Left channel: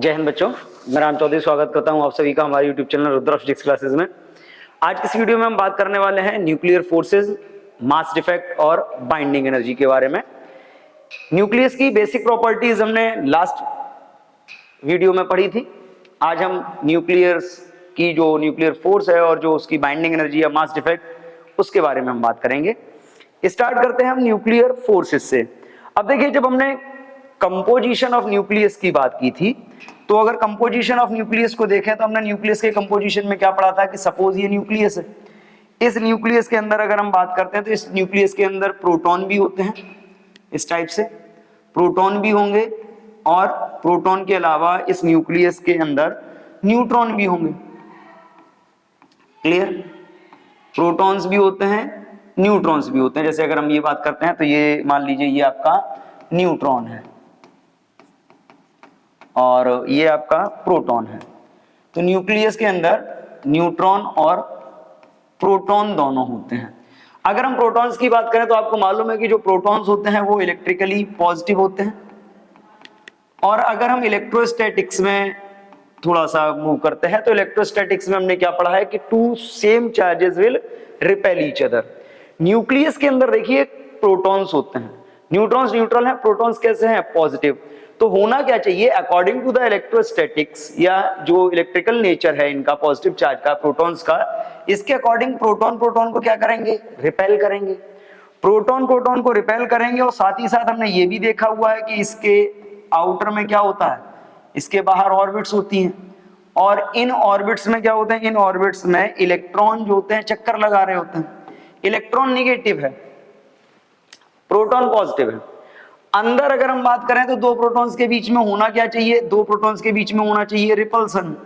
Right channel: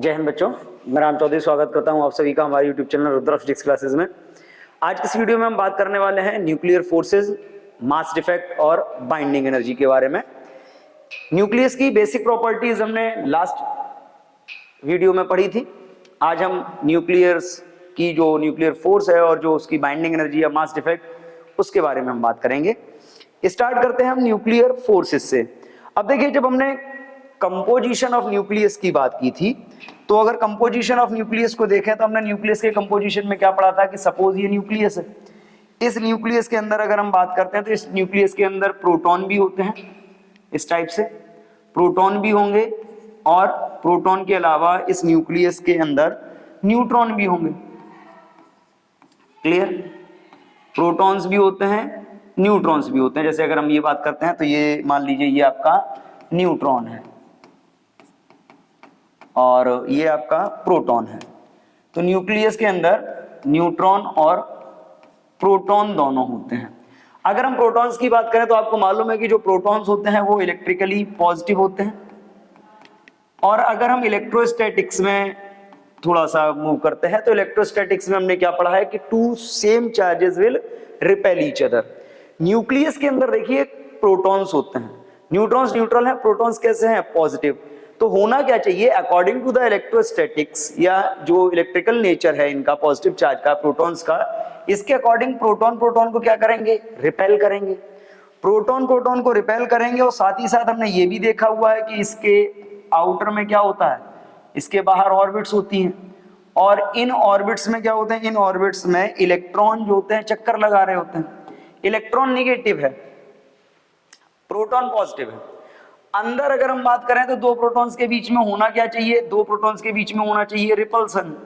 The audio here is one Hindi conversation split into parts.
जय हिंद बच्चों, मैं राम चौधरी स्वागत करता हूं आप सभी का हमारे YouTube channel Rudra physics classes में। आज की इस वीडियो में हम बात करने वाले हैं न्यूक्लियर फोर्सेस, मास डिफेक्ट और बाइंडिंग एनर्जी के बारे में। न्यूक्लियस की बेसिक प्रॉपर्टीज हमने लास्ट वीडियो में पढ़ी थी। आज हम न्यूक्लियस की जो न्यूक्लियर फोर्स है और जो उसकी बाइंडिंग एनर्जी या मास डिफेक्ट उसके बारे में हम बात करेंगे। स्टार्ट करते हैं हम न्यूक्लियर फोर्सेस से। अब देखिए, जब हमने कंपोजिशन ऑफ न्यूक्लियस की बात की थी, तो अगर कंपोजिशन ऑफ न्यूक्लियस को देखें तो हमने न्यूक्लियस के कंपोजिशन में क्या पढ़ा था कि सपोज ये न्यूक्लियस है। इस न्यूक्लियस के अंदर अगर हम बात करते हैं तो इस न्यूक्लियस के अंदर प्रोटॉन भी होते हैं, इस टाइप से प्रोटॉन भी होंगे, और प्रोटॉन के अलावा इस न्यूक्लियस के अंदर न्यूट्रॉन भी होंगे। क्लियर? प्रोटॉन्स भी होते हैं, न्यूट्रॉन्स भी होते हैं। जैसे अगर हम ये बात करते हैं तो ये मान लीजिए ये आपका न्यूट्रॉन है और ये आपका प्रोटॉन है। तो न्यूक्लियस के अंदर न्यूट्रॉन और प्रोटॉन दोनों होते हैं। अगर हम प्रोटॉन्स की बात करें तो आपको मालूम है कि जो प्रोटॉन्स होते हैं वो इलेक्ट्रिकली पॉजिटिव होते हैं, और अगर हम इलेक्ट्रोस्टैटिक्स में थोड़ा सा मूव करते हैं तो इलेक्ट्रोस्टैटिक्स में हमने क्या पढ़ा है कि two same charges will repel each other. Nucleus के अंदर देखिए प्रोटॉन्स होते हैं, न्यूट्रॉन्स न्यूट्रल हैं, प्रोटॉन्स कैसे हैं? पॉजिटिव। तो होना क्या चाहिए अकॉर्डिंग टू द इलेक्ट्रोस्टैटिक्स या जो इलेक्ट्रिकल नेचर है इनका, पॉजिटिव चार्ज का, प्रोटॉन्स का, इसके अकॉर्डिंग प्रोटॉन प्रोटॉन को क्या करेंगे? रिपेल करेंगे। प्रोटॉन प्रोटॉन को रिपेल करेंगे, और साथ ही साथ हमने ये भी देखा हुआ है कि इसके आउटर में क्या होता है, इसके बाहर ऑर्बिट्स होती हैं, और इन ऑर्बिट्स में क्या होते हैं? इन ऑर्बिट्स में इलेक्ट्रॉन जो होते हैं चक्कर लगा रहे होते हैं। इलेक्ट्रॉन निगेटिव है, प्रोटॉन पॉजिटिव है। अंदर अगर हम बात करें तो दो प्रोटॉन्स के बीच में होना क्या चाहिए? दो प्रोटॉन्स के बीच में होना चाहिए रिपल्सन,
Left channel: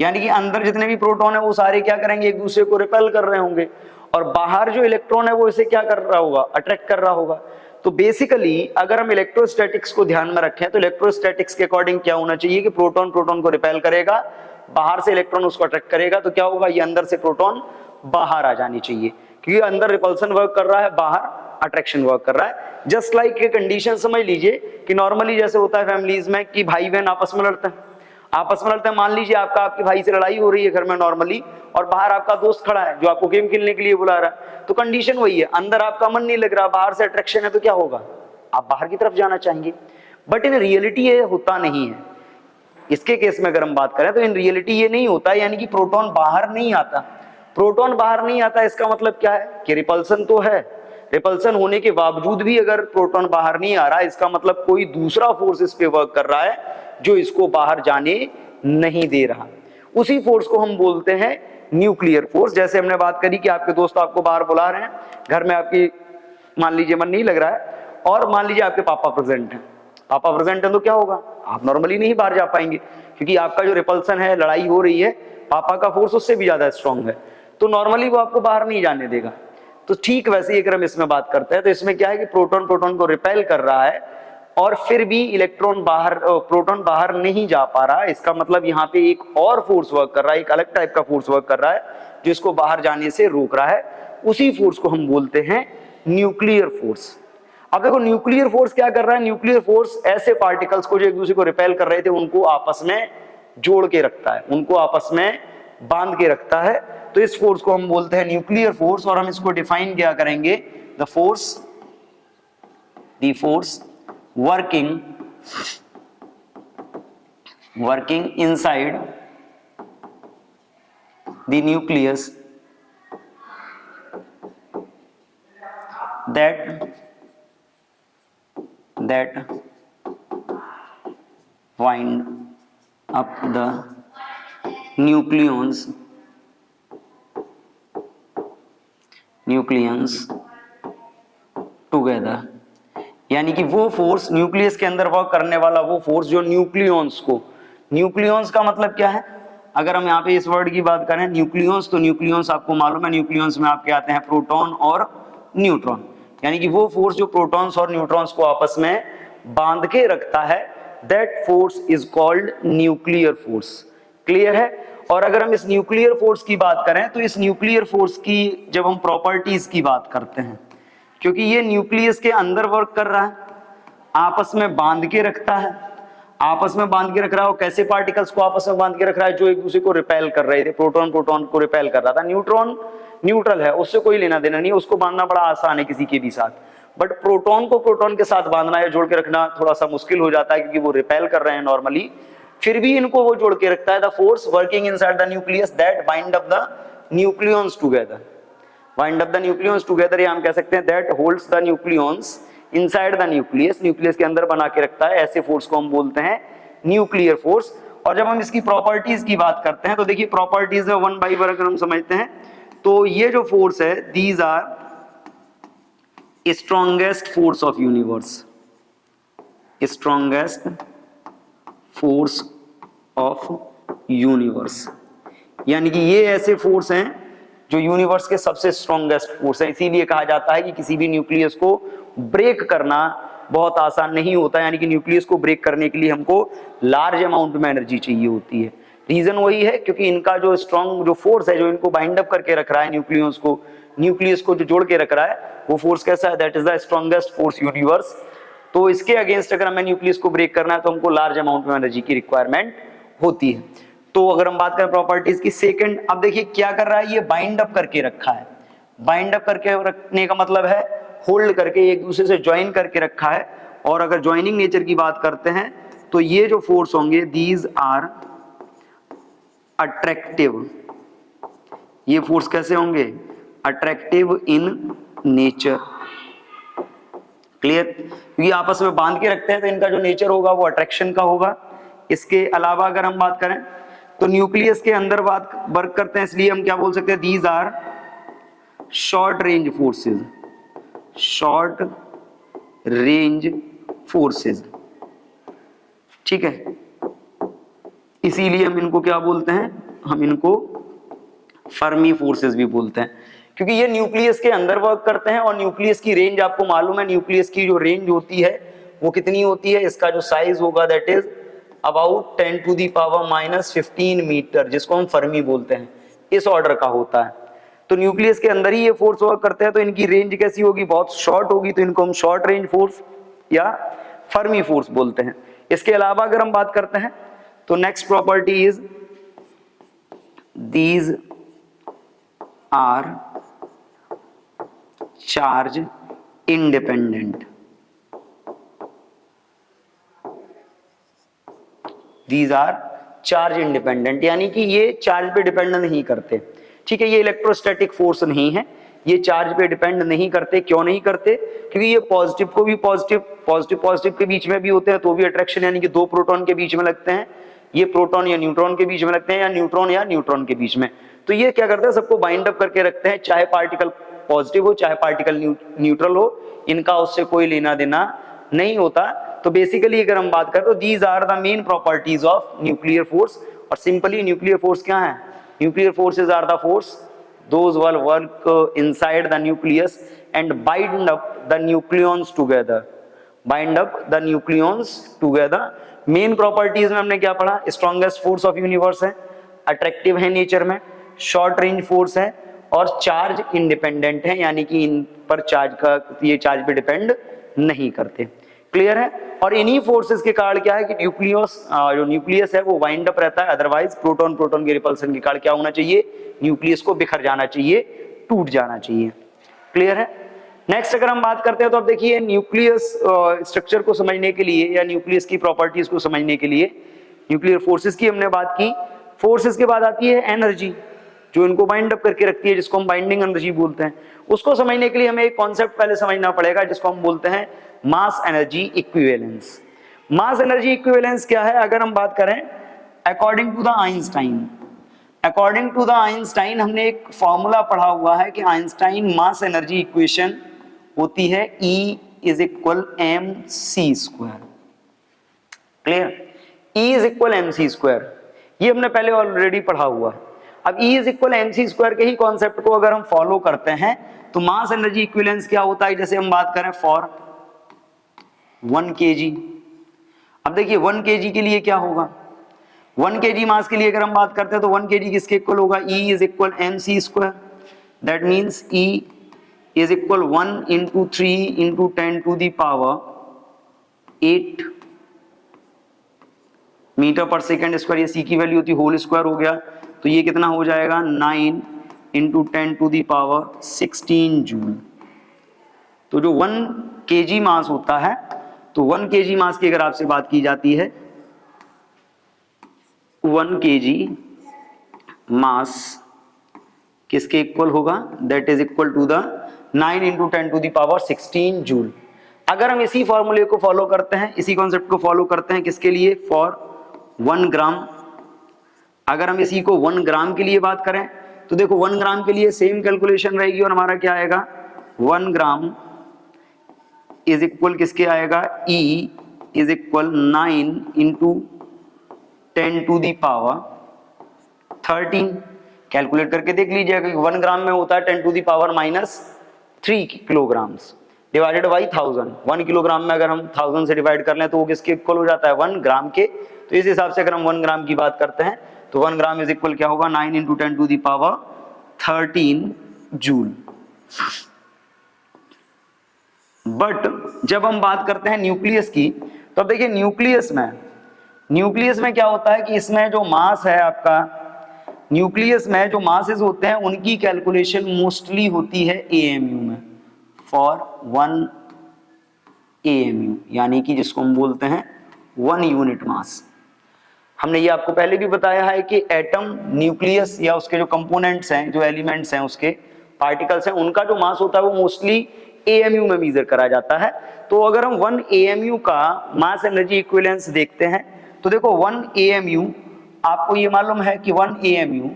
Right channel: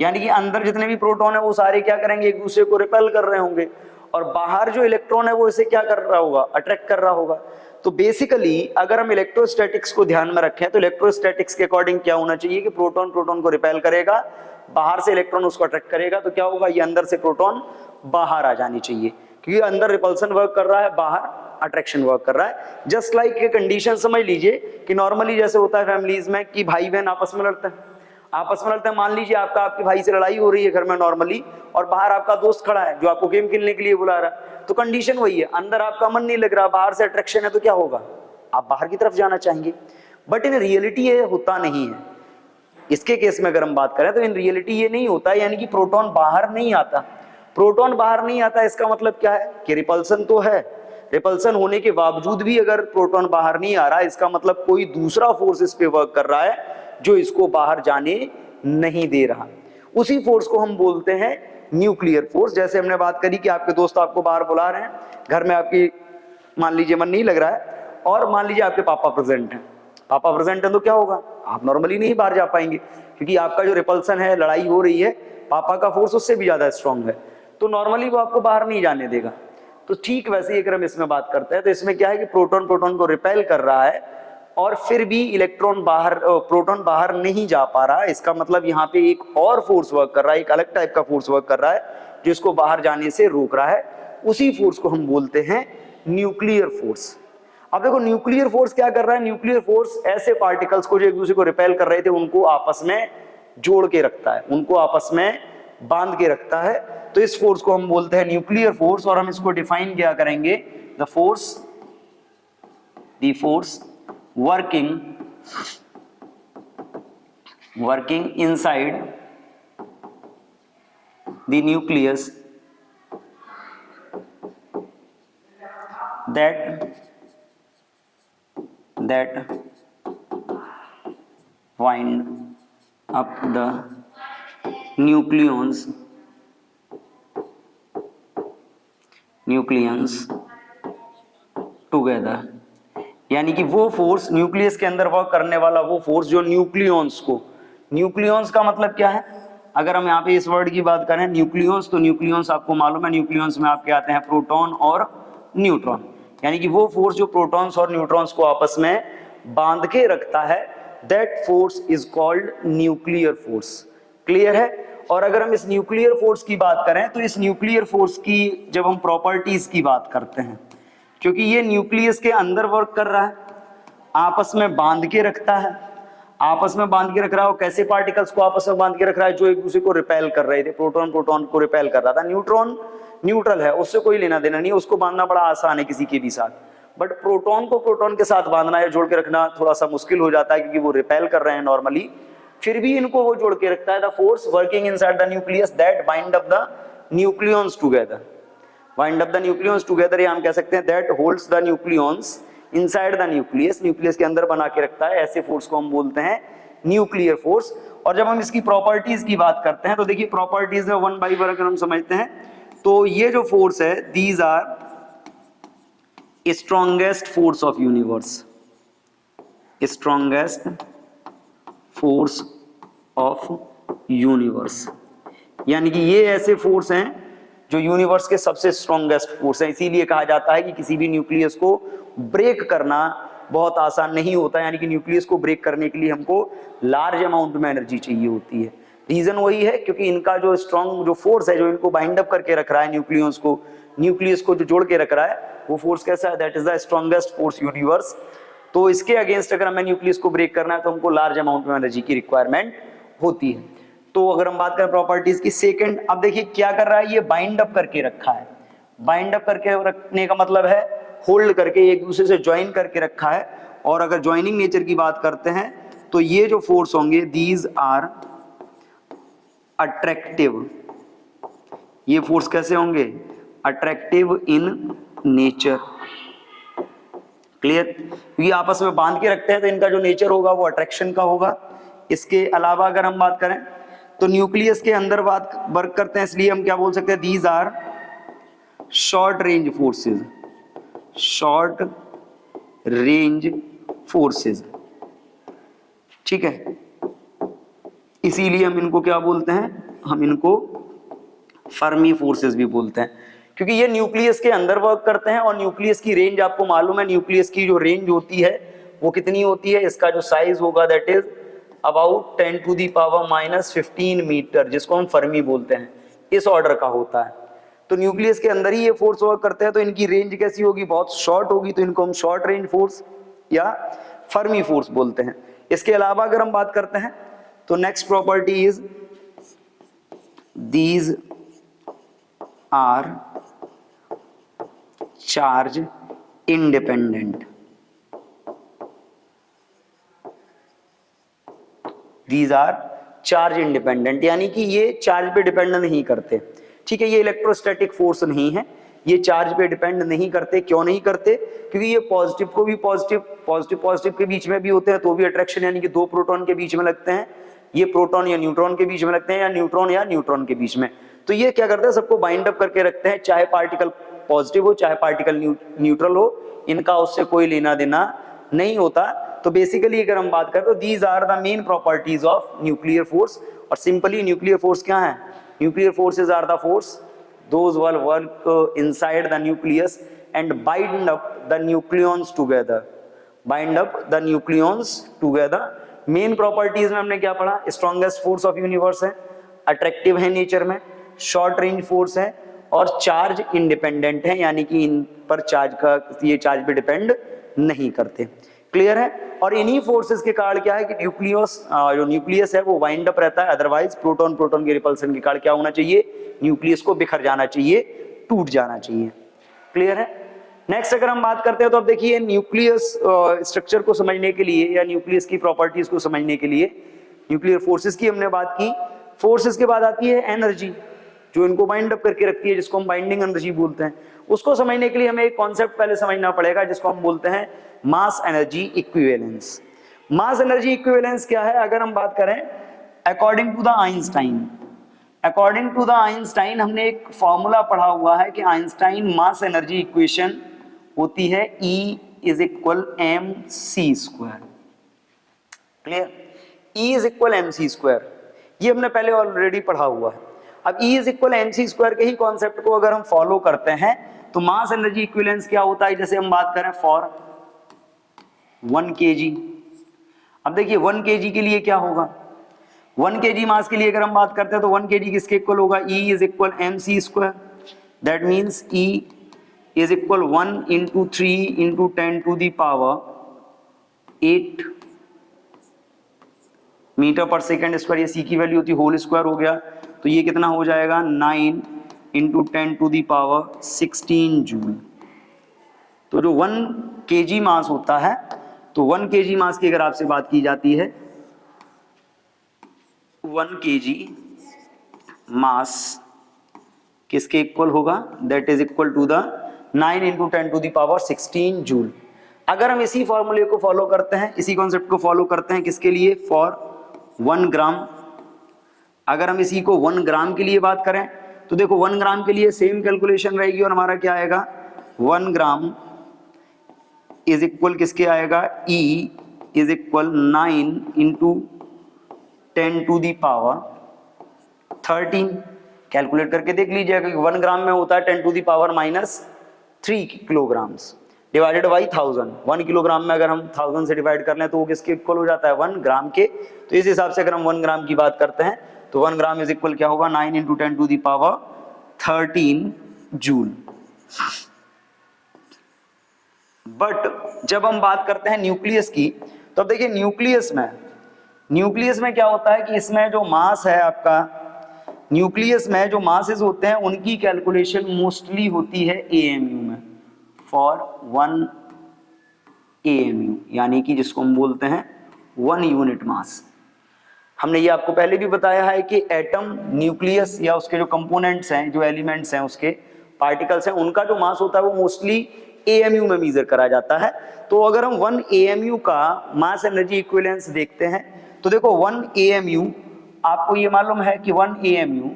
यानी कि अंदर जितने भी प्रोटॉन है वो सारे क्या करेंगे? एक दूसरे को रिपेल कर रहे होंगे, और बाहर जो इलेक्ट्रॉन है वो इसे क्या कर रहा होगा? अट्रैक्ट कर रहा होगा। तो बेसिकली अगर हम इलेक्ट्रोस्टैटिक्स को ध्यान में रखें तो इलेक्ट्रोस्टैटिक्स के अकॉर्डिंग क्या होना चाहिए कि प्रोटॉन प्रोटॉन को रिपेल करेगा, बाहर से इलेक्ट्रॉन उसको अट्रैक्ट करेगा, तो क्या होगा? ये अंदर से प्रोटॉन बाहर आ जानी चाहिए, क्योंकि अंदर रिपल्सन वर्क कर रहा है, बाहर अट्रैक्शन वर्क कर रहा है। जस्ट लाइक ये कंडीशन समझ लीजिए कि नॉर्मली जैसे होता है फैमिलीज में कि भाई बहन आपस में लड़ते हैं, मान लीजिए आपका आपके भाई से लड़ाई हो रही है घर में नॉर्मली, और बाहर आपका दोस्त खड़ा है जो आपको गेम खेलने के लिए बुला रहा है। तो कंडीशन वही है, अंदर आपका मन नहीं लग रहा, बाहर से अट्रैक्शन है, तो क्या होगा? आप बाहर की तरफ जाना चाहेंगे। बट इन रियलिटी ये होता नहीं है। इसके केस में अगर हम बात करें तो इन रियलिटी ये नहीं होता, यानी कि प्रोटॉन बाहर नहीं आता। प्रोटॉन बाहर नहीं आता, इसका मतलब क्या है कि रिपल्सन तो है, रिपल्सन होने के बावजूद भी अगर प्रोटॉन बाहर नहीं आ रहा, इसका मतलब कोई दूसरा फोर्स इस पे वर्क कर रहा है जो इसको बाहर जाने नहीं दे रहा। उसी फोर्स को हम बोलते हैं न्यूक्लियर फोर्स। जैसे हमने बात करी कि आपके दोस्त आपको बाहर बुला रहे हैं, घर में आपकी मान लीजिए मन नहीं लग रहा है, और मान लीजिए आपके पापा प्रेजेंट हैं। पापा प्रेजेंट है तो क्या होगा? आप नॉर्मली नहीं बाहर जा पाएंगे, क्योंकि आपका जो रिपल्सन है, लड़ाई हो रही है, पापा का फोर्स उससे भी ज्यादा स्ट्रॉन्ग है, तो नॉर्मली वो आपको बाहर नहीं जाने देगा। तो ठीक वैसे ही अगर हम इसमें बात करते हैं तो इसमें क्या है कि प्रोटॉन प्रोटॉन को रिपेल कर रहा है, और फिर भी प्रोटॉन बाहर नहीं जा पा रहा। इसका मतलब यहाँ पे एक और फोर्स वर्क कर रहा है, एक अलग टाइप का फोर्स वर्क कर रहा है जो इसको बाहर जाने से रोक रहा है। उसी फोर्स को हम बोलते हैं न्यूक्लियर फोर्स। अब देखो न्यूक्लियर फोर्स क्या कर रहा है? न्यूक्लियर फोर्स ऐसे पार्टिकल्स को जो एक दूसरे को रिपेल कर रहे थे उनको आपस में जोड़ के रखता है, उनको आपस में बांध के रखता है। तो इस फोर्स को हम बोलते हैं न्यूक्लियर फोर्स, और हम इसको डिफाइन क्या करेंगे? The force working inside the nucleus that wind up the nucleons together। यानी कि वो फोर्स न्यूक्लियस के अंदर वर्क करने वाला वो फोर्स जो न्यूक्लियंस को, न्यूक्लियंस का मतलब क्या है? अगर हम यहाँ पे इस वर्ड की बात करें न्यूक्लियंस, तो न्यूक्लियंस आपको मालूम है, न्यूक्लियंस में आपके आते हैं प्रोटॉन और न्यूट्रॉन, यानी कि वो फोर्स जो प्रोटॉन्स और न्यूट्रॉन्स को आपस में बांध के रखता है, that force is called nuclear force. Clear है? और अगर हम इस न्यूक्लियर फोर्स की बात करें तो इस न्यूक्लियर फोर्स की जब हम प्रॉपर्टीज की बात करते हैं, क्योंकि ये न्यूक्लियस के अंदर वर्क कर रहा है, आपस में बांध के रखता है, आपस में बांध के रख रहा है, और कैसे पार्टिकल्स को आपस में बांध के रख रहा है, जो एक दूसरे को रिपेल कर रहे थे, प्रोटॉन प्रोटॉन को रिपेल कर रहा था। न्यूट्रॉन न्यूट्रल है, उससे कोई लेना देना नहीं, उसको बांधना बड़ा आसान है किसी के भी साथ, बट प्रोटॉन को प्रोटॉन के साथ बांधना है, जोड़ के रखना थोड़ा सा मुश्किल हो जाता है, क्योंकि वो रिपेल कर रहे हैं नॉर्मली, फिर भी इनको वो जोड़ के रखता है। The force working inside the nucleus that bind up the nucleons together, bind up the nucleons together, या हम कह सकते हैं that holds the nucleons inside the nucleus, nucleus के अंदर बना के रखता है, ऐसे फोर्स को हम बोलते हैं न्यूक्लियर फोर्स। और जब हम इसकी प्रॉपर्टीज की बात करते हैं तो देखिए प्रॉपर्टीज में वन बाय वन अगर हम समझते हैं तो ये जो फोर्स है, these are strongest force of universe, strongest force of universe, यानी कि ये ऐसे फोर्स हैं जो यूनिवर्स के सबसे स्ट्रॉन्गेस्ट फोर्स है। इसीलिए कहा जाता है कि किसी भी न्यूक्लियस को ब्रेक करना बहुत आसान नहीं होता, यानी कि न्यूक्लियस को ब्रेक करने के लिए हमको लार्ज अमाउंट में एनर्जी चाहिए होती है। रीजन वही है क्योंकि इनका जो स्ट्रॉन्ग जो फोर्स है, जो इनको बाइंड अप करके रख रहा है न्यूक्लियस को जो जोड़ के रख रहा है, वो फोर्स कैसा है, that is the strongest force universe. तो इसके अगेंस्ट अगर हमें न्यूक्लियस को ब्रेक करना है तो हमको लार्ज अमाउंट में एनर्जी की रिक्वायरमेंट होती है। तो अगर हम बात करें प्रॉपर्टीज की, सेकंड, अब देखिए क्या कर रहा है, ये बाइंड अप करके रखा है। बाइंड अप करके रखने का मतलब है होल्ड करके, एक दूसरे से ज्वाइन करके रखा है। और अगर ज्वाइनिंग नेचर की बात करते हैं तो ये जो फोर्स होंगे, दीज आर अट्रैक्टिव, ये फोर्स कैसे होंगे, अट्रैक्टिव इन नेचर। क्लियर, क्योंकि आपस में बांध के रखते हैं तो इनका जो नेचर होगा वो अट्रैक्शन का होगा। इसके अलावा अगर हम बात करें तो न्यूक्लियस के अंदर बात वर्क करते हैं, इसलिए हम क्या बोल सकते हैं, these are short range forces, short range forces, ठीक है। इसीलिए हम इनको क्या बोलते हैं, हम इनको फर्मी फोर्सेस भी बोलते हैं, क्योंकि ये न्यूक्लियस के अंदर वर्क करते हैं। और न्यूक्लियस की रेंज आपको मालूम है, न्यूक्लियस की जो रेंज होती है वो कितनी होती है, इसका जो साइज होगा that is about 10 to the power -15 meter, जिसको हम फर्मी बोलते हैं, इस ऑर्डर का होता है। तो न्यूक्लियस के अंदर ही ये फोर्स वर्क करते हैं, तो इनकी रेंज कैसी होगी, बहुत शॉर्ट होगी, तो इनको हम शॉर्ट रेंज फोर्स या फर्मी फोर्स बोलते हैं। इसके अलावा अगर हम बात करते हैं तो next property is these are charge independent, these are charge independent, यानी कि ये चार्ज पे डिपेंड नहीं करते, ठीक है। ये इलेक्ट्रोस्टैटिक फोर्स नहीं है, ये चार्ज पे डिपेंड नहीं करते। क्यों नहीं करते, क्योंकि ये पॉजिटिव को भी पॉजिटिव के बीच में भी होते हैं तो भी अट्रैक्शन, यानी कि दो प्रोटॉन के बीच में लगते हैं, ये प्रोटॉन या न्यूट्रॉन के बीच में लगते हैं, या न्यूट्रॉन के बीच में। तो ये क्या करता है, सबको बाइंड अप करके रखते हैं, चाहे पार्टिकल पॉजिटिव हो चाहे पार्टिकल न्यूट्रल हो, इनका उससे कोई लेना देना नहीं होता। तो बेसिकली अगर हम बात करें तो these are the main properties of nuclear force. और सिंपली न्यूक्लियर फोर्स क्या है, nuclear forces are the force those will work inside the nucleus and bind up the nucleons together, bind up the nucleons together। Main properties में हमने क्या पढ़ा, स्ट्रॉन्गेस्ट फोर्स ऑफ यूनिवर्स है, अट्रैक्टिव है नेचर में, शॉर्ट रेंज फोर्स है और चार्ज इंडिपेंडेंट है, यानी कि इन पर चार्ज का, ये चार्ज पे डिपेंड नहीं करते। क्लियर है। और इन्हीं फोर्सेस के कारण क्या है कि जो न्यूक्लियस है वो वाइंड अप रहता है, अदरवाइज प्रोटॉन प्रोटॉन के रिपल्सन के कारण क्या होना चाहिए, न्यूक्लियस को बिखर जाना चाहिए, टूट जाना चाहिए। क्लियर है। नेक्स्ट अगर हम बात करते हैं तो अब देखिए न्यूक्लियस स्ट्रक्चर को समझने के लिए या न्यूक्लियस की प्रॉपर्टीज को समझने के लिए, न्यूक्लियर फोर्सेस की हमने बात की, फोर्सेस के बाद आती है एनर्जी जो इनको बाइंड अप करके रखती है, जिसको हम बाइंडिंग एनर्जी बोलते हैं। उसको समझने के लिए हमें एक कॉन्सेप्ट पहले समझना पड़ेगा जिसको हम बोलते हैं mass energy equivalence. Mass energy equivalence क्या है, अगर हम बात करें अकॉर्डिंग टू द आइंस्टाइन, हमने एक फॉर्मूला पढ़ा हुआ है कि आइंस्टाइन मास एनर्जी इक्वेशन होती है E is equal mc²। Clear, E is equal mc², ये हमने पहले ऑलरेडी पढ़ा हुआ है। अब E इज इक्वल mc² के ही कॉन्सेप्ट को अगर हम फॉलो करते हैं तो मास एनर्जी इक्विवेलेंस क्या होता है, जैसे हम बात करें फॉर 1 kg। अब देखिए 1 kg के लिए क्या होगा, 1 kg मास के लिए अगर हम बात करते हैं तो 1 kg किसके इक्वल होगा, E is equal mc²। That means E is equal 1 into 3 into 10 to the power 8 meter पर सेकेंड स्क्वायर, ये सी की वैल्यू होती है, होल स्क्वायर हो गया, तो ये कितना हो जाएगा 9 इंटू 10⁻16 जूल। तो जो 1 kg मास होता है, तो 1 kg मास की अगर आपसे बात की जाती है, 1 kg मास किसके इक्वल होगा, that is equal to the 9 into 10⁻16 joule. अगर हम इसी फॉर्मूले को फॉलो करते हैं, इसी कॉन्सेप्ट को फॉलो करते हैं, किसके लिए, फॉर 1 ग्राम, अगर हम इसी को 1 ग्राम के लिए बात करें तो देखो 1 ग्राम के लिए सेम कैलकुलेशन रहेगी और हमारा क्या आएगा, 1 ग्राम इज इक्वल किसके आएगा, E is equal 9 into 10⁻13। Calculate करके देख लीजिएगा कि 1 ग्राम में होता है 10⁻³ किलोग्राम्स डिवाइडेड बाई 1000। 1 किलोग्राम में अगर हम 1000 से डिवाइड कर लें तो वो किसके इक्वल हो जाता है, 1 ग्राम के। तो इस हिसाब से अगर हम 1 ग्राम की बात करते हैं तो 1 ग्राम इज इक्वल क्या होगा, 9 इंटू 10⁻13 जूल। बट जब हम बात करते हैं न्यूक्लियस की, तो देखिए न्यूक्लियस में क्या होता है कि इसमें जो मास है आपका, न्यूक्लियस में जो मासेस होते हैं उनकी कैलकुलेशन मोस्टली होती है AMU में, फॉर 1 AMU, यानी कि जिसको हम बोलते हैं 1 यूनिट मास। हमने ये आपको पहले भी बताया है कि एटम, न्यूक्लियस या उसके जो कंपोनेंट्स हैं, जो एलिमेंट्स हैं, उसके पार्टिकल्स हैं, उनका जो मास होता है वो मोस्टली AMU में मेजर करा जाता है। तो अगर हम 1 AMU का मास एनर्जी इक्विवेलेंस देखते हैं तो देखो 1 AMU, आपको ये मालूम है कि 1 AMU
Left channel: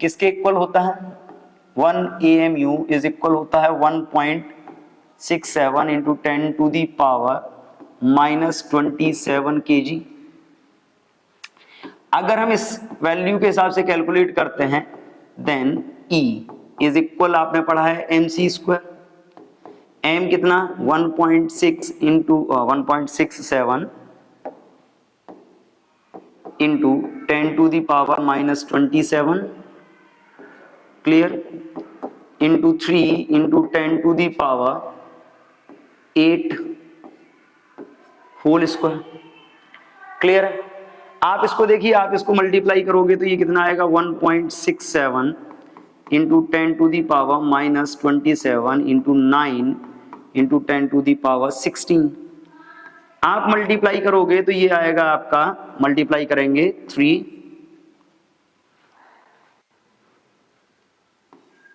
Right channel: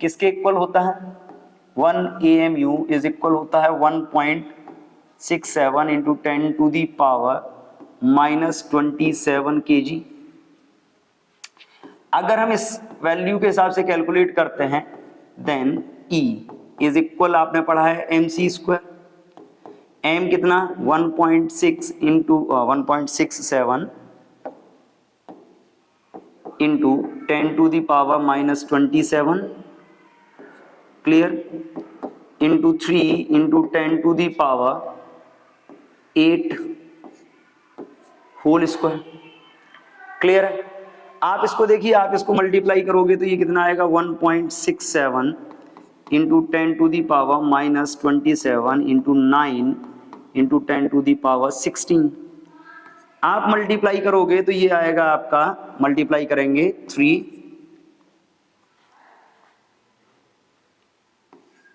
किसके इक्वल होता है, 1 AMU इज इक्वल होता है 1.67 इंटू 10⁻⁻27 kg। अगर हम इस वैल्यू के हिसाब से कैलकुलेट करते हैं देन E इज इक्वल, आपने पढ़ा है mc², m कितना 1.6 into 1.67 into 10⁻⁻27, clear, into 3 into 10⁻8 whole square, clear. आप इसको देखिए, आप इसको मल्टीप्लाई करोगे तो ये कितना आएगा, 1.67 इंटू 10⁻⁻27 इंटू 9 इंटू 10⁻16। आप मल्टीप्लाई करोगे तो ये आएगा आपका, मल्टीप्लाई करेंगे 3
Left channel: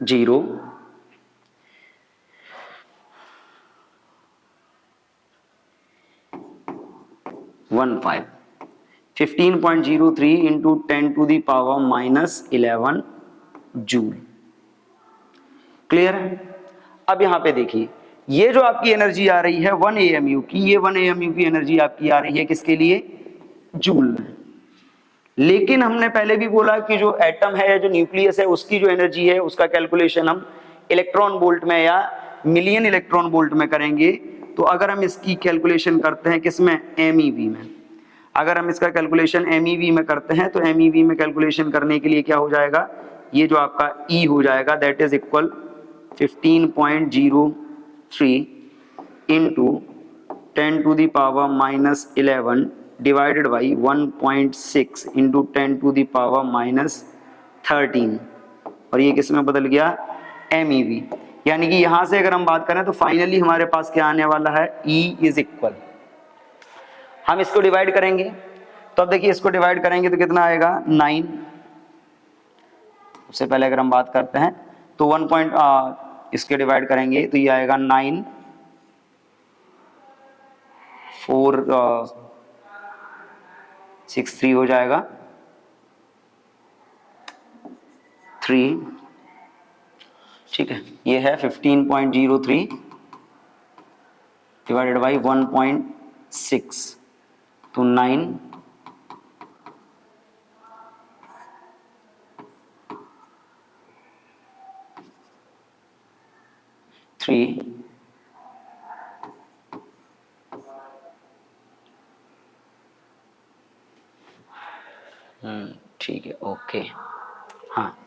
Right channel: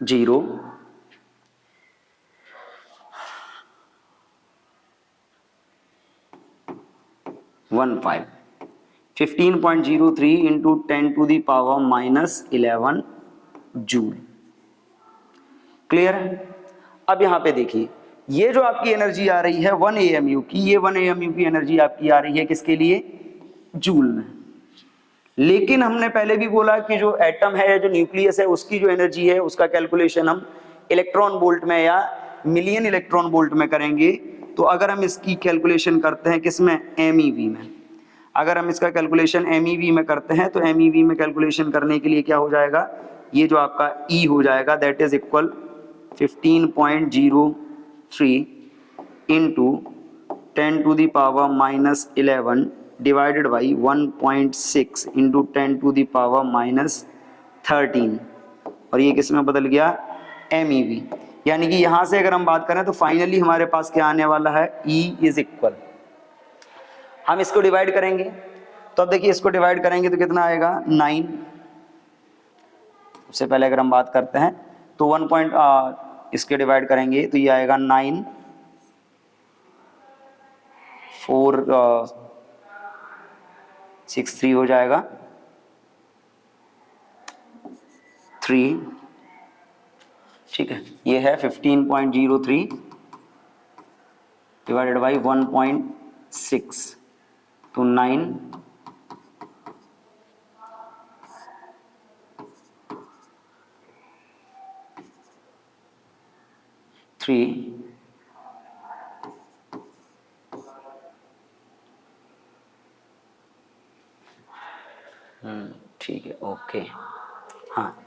0 1 5 15.03 इंटू 10⁻⁻11 जूल, क्लियर है। अब यहां पे देखिए, ये जो आपकी एनर्जी आ रही है 1 AMU की, ये 1 AMU की एनर्जी आपकी आ रही है किसके लिए, जूल में। लेकिन हमने पहले भी बोला कि जो एटम है, जो न्यूक्लियस है, उसकी जो एनर्जी है उसका कैलकुलेशन हम इलेक्ट्रॉन वोल्ट में या मिलियन इलेक्ट्रॉन वोल्ट में करेंगे। तो अगर हम इसकी कैलकुलेशन करते हैं किसमें, MEV में, अगर हम इसका कैलकुलेशन MEV में करते हैं तो MEV में कैलकुलेशन करने के लिए क्या हो जाएगा, ये जो आपका E हो जाएगा that is equal 15.03 into 10⁻⁻11 divided by 1.6 into 10⁻⁻13, और ये किस में बदल गया, MEV। यानी कि यहां से अगर हम बात करें तो फाइनली हमारे पास क्या आने वाला है, E इज इक्वल, हम इसको डिवाइड करेंगे तो अब देखिए इसको डिवाइड करेंगे तो कितना आएगा 9। सबसे पहले अगर हम बात करते हैं तो 1 इसके डिवाइड करेंगे तो ये आएगा 9,463 हो जाएगा 3, ठीक है। ये है 15.03 डिवाइडेड बाई 1.6 तो 9 3 ठीक है, ओके। हाँ,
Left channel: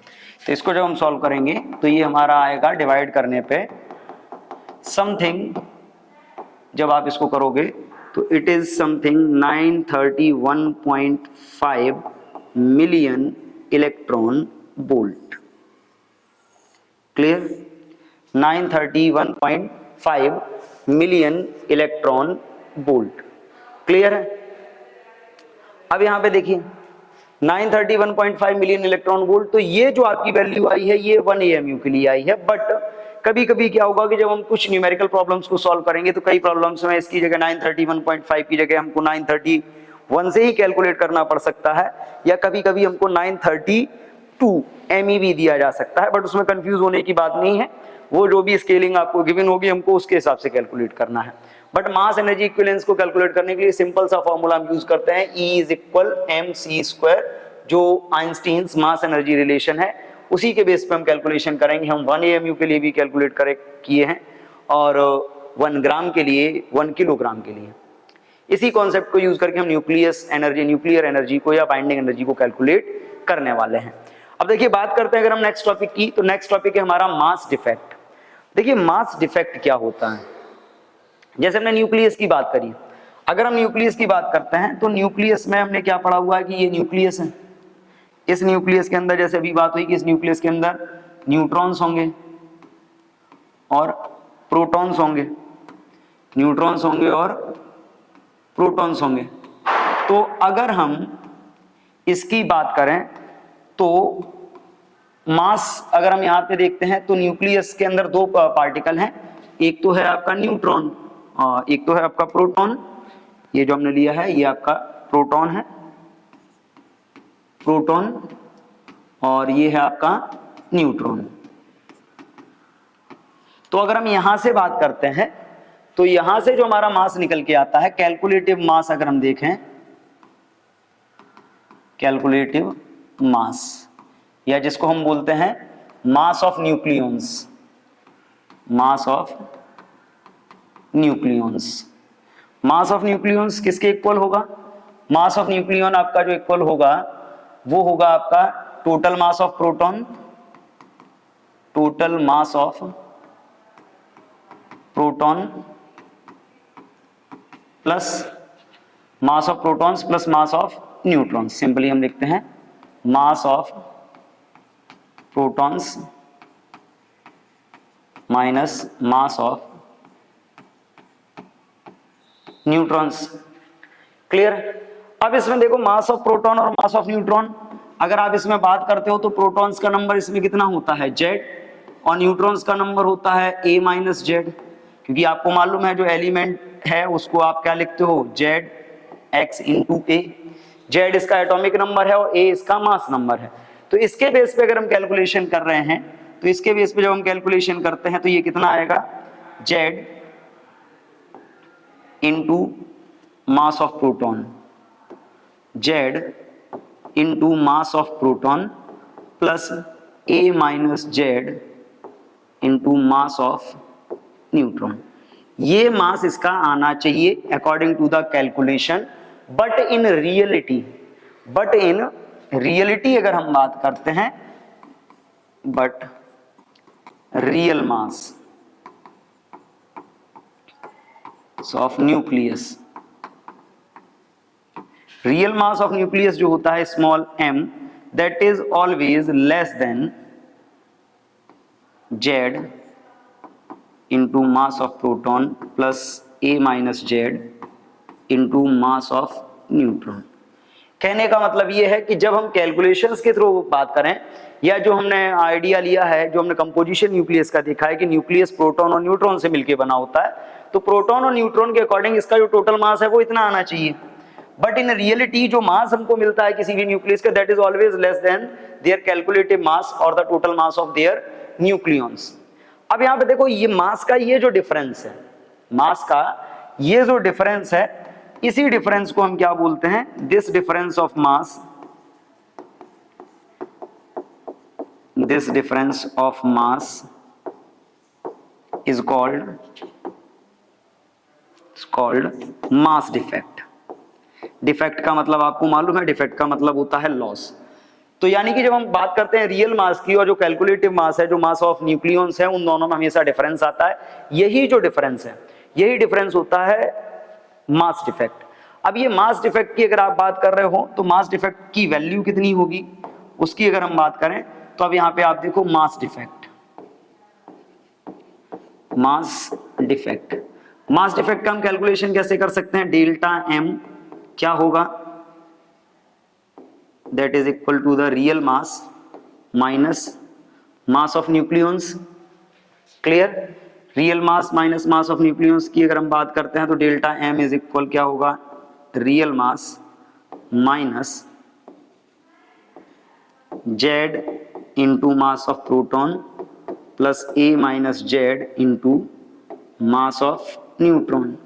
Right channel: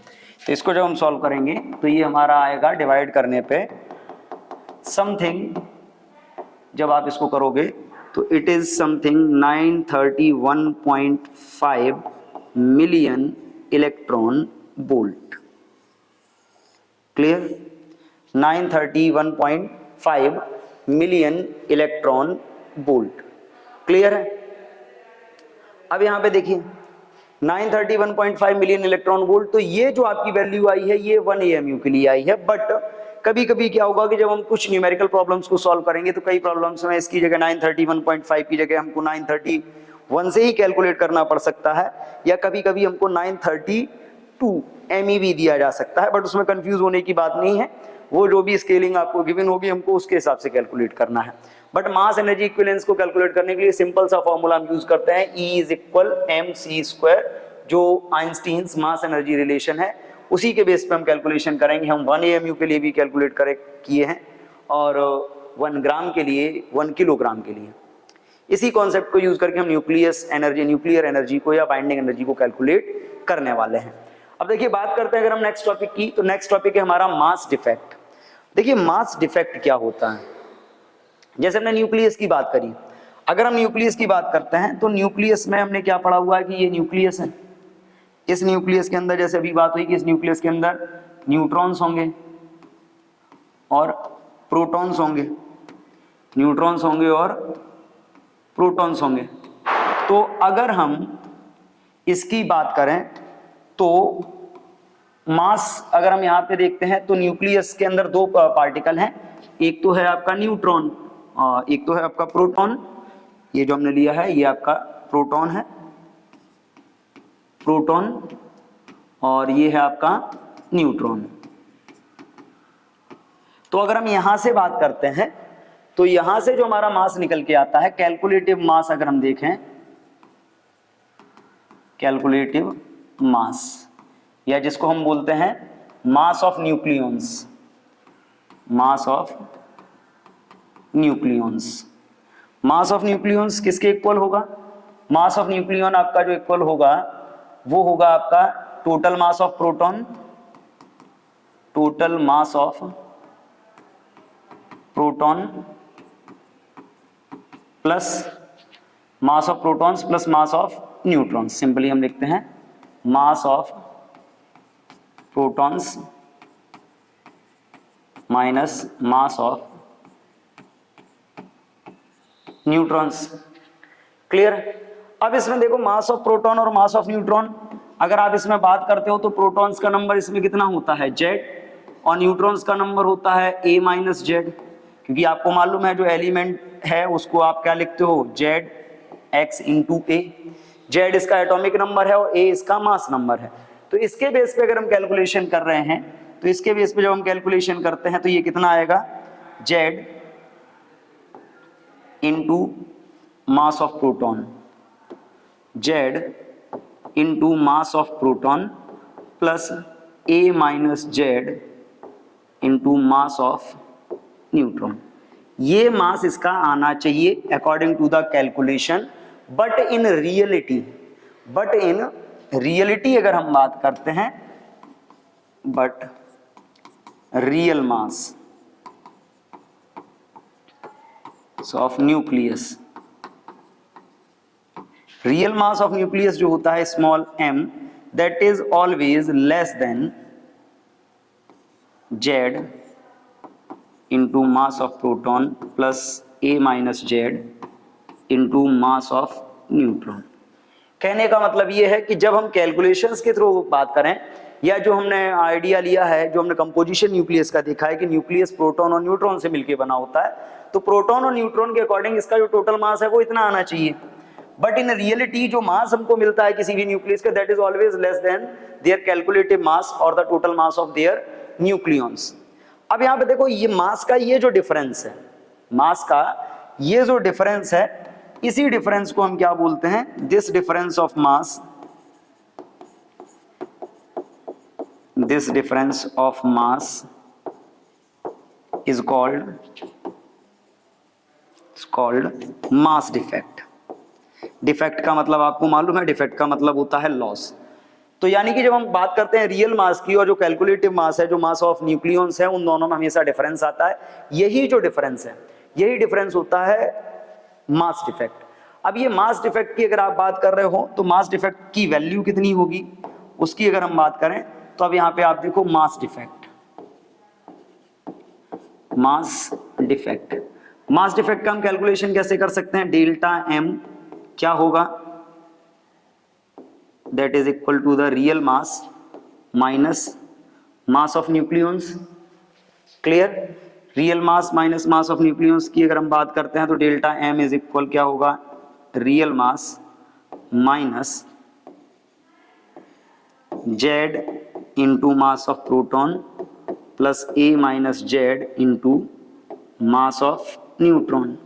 तो इसको जब हम सॉल्व करेंगे तो ये हमारा आएगा डिवाइड करने पे समथिंग, जब आप इसको करोगे तो it is something 931.5 million electron volt. Clear? 931.5 million electron volt. Clear है? अब यहां पे देखिए 931.5 मिलियन इलेक्ट्रॉन वोल्ट, तो ये जो आपकी वैल्यू आई है ये 1 AMU के लिए आई है। बट कभी कभी क्या होगा कि जब हम कुछ न्यूमेरिकल प्रॉब्लम्स को सॉल्व करेंगे तो कई प्रॉब्लम्स में इसकी जगह 931.5 की जगह हमको 931 से ही कैलकुलेट करना पड़ सकता है, या कभी कभी हमको 932 MeV दिया जा सकता है। बट उसमें कंफ्यूज होने की बात नहीं है, वो जो भी स्केलिंग आपको गिवन होगी हमको उसके हिसाब से कैलकुलेट करना है। बट मास एनर्जी इक्विवेलेंस को कैलकुलेट करने के लिए सिंपल सा फॉर्मूला हम यूज करते हैं, E इज इक्वल mc², जो आइंस्टीन्स मास एनर्जी रिलेशन है उसी के बेस पे हम कैलकुलेशन करेंगे। हम 1 AMU के लिए भी कैलकुलेट किए हैं और 1 ग्राम के लिए, 1 किलोग्राम के लिए। इसी कॉन्सेप्ट को यूज करके हम न्यूक्लियर एनर्जी को या बाइंडिंग एनर्जी को कैलकुलेट करने वाले हैं। अब देखिए बात करते हैं अगर हम नेक्स्ट टॉपिक की, तो नेक्स्ट टॉपिक है हमारा मास डिफेक्ट। देखिए मास डिफेक्ट क्या होता है, जैसे हमने न्यूक्लियस की बात करी, अगर हम न्यूक्लियस की बात करते हैं तो न्यूक्लियस में हमने क्या पढ़ा हुआ है कि ये न्यूक्लियस है। इस न्यूक्लियस के अंदर जैसे अभी बात हुई कि इस न्यूक्लियस के अंदर न्यूट्रॉन्स होंगे और प्रोटॉन्स होंगे, न्यूट्रॉन्स होंगे और प्रोटॉन्स होंगे। तो अगर हम इसकी बात करें तो मास अगर हम यहां पे देखते हैं तो न्यूक्लियस के अंदर 2 पार्टिकल हैं, एक तो है आपका न्यूट्रॉन, एक तो है आपका प्रोटॉन। ये जो हमने लिया है ये आपका प्रोटॉन है, प्रोटॉन, और ये है आपका न्यूट्रॉन। तो अगर हम यहां से बात करते हैं तो यहां से जो हमारा मास निकल के आता है, कैलकुलेटिव मास अगर हम देखें, कैलकुलेटिव मास या जिसको हम बोलते हैं मास of nucleons, mass of nucleons. Mass of nucleons किसके इक्वल होगा? मास ऑफ न्यूक्लियॉन आपका जो इक्वल होगा वो होगा आपका total mass of proton, total mass of proton plus mass of protons plus mass of neutrons. Simply हम लिखते हैं mass of protons minus mass of neutrons. Clear? अब इसमें देखो मास ऑफ प्रोटॉन और मास ऑफ न्यूट्रॉन, अगर आप इसमें बात करते हो तो प्रोटॉन्स का नंबर इसमें कितना होता है? Z, और न्यूट्रॉन्स का नंबर होता है A माइनस Z, क्योंकि आपको मालूम है जो एलिमेंट है उसको आप क्या लिखते हो? Zx into A। Z इसका एटॉमिक नंबर है और A इसका मास नंबर है। तो इसके बेस पे अगर हम कैलकुलेशन कर रहे हैं तो इसके बेस पे जब हम कैलकुलेशन करते हैं तो ये कितना आएगा? Z into mass of proton, Z into mass of proton plus A minus Z into mass of neutron. ये मास इसका आना चाहिए according to the calculation. But in reality अगर हम बात करते हैं, but real mass of nucleus, real mass of nucleus जो होता है small m, that is always less than Z into mass of proton plus A minus Z into mass of neutron. कहने का मतलब ये है कि जब हम कैलकुलेशंस के थ्रू बात करें या जो हमने आइडिया लिया है, जो हमने कंपोजिशन न्यूक्लियस का देखा है कि न्यूक्लियस प्रोटॉन और न्यूट्रॉन से मिलकर बना होता है, तो प्रोटॉन और न्यूट्रॉन के अकॉर्डिंग इसका जो टोटल मास है वो इतना आना चाहिए। बट इन रियलिटी जो मास हमको मिलता है किसी भी न्यूक्लियस का, that is always less than their calculative mass और the total mass of their nucleons. अब यहाँ पे देखो ये मास का ये जो डिफरेंस है, मास का ये जो डिफरेंस है, इसी डिफरेंस को हम क्या बोलते हैं? This difference of mass, this difference of mass is called mass defect. Defect का मतलब आपको मालूम है, डिफेक्ट का मतलब होता है लॉस। तो यानी कि जब हम बात करते हैं रियल मास की और जो कैलकुलेटिव मास है, जो मास ऑफ न्यूक्लियॉन्स है, उन दोनों में हमेशा डिफरेंस आता है। यही जो डिफरेंस है, यही डिफरेंस होता है मास डिफेक्ट। अब ये मास डिफेक्ट की अगर आप बात कर रहे हो तो मास डिफेक्ट की वैल्यू कितनी होगी, उसकी अगर हम बात करें तो अब यहां पे आप देखो mass defect, mass defect, mass defect का हम कैलकुलेशन कैसे कर सकते हैं, डेल्टा एम क्या होगा, that is equal to the real mass minus mass of nucleons. Clear, real mass minus mass of nucleons की अगर हम बात करते हैं तो डेल्टा एम इज इक्वल क्या होगा, real mass minus Z into mass of proton plus A minus Z into mass of neutron.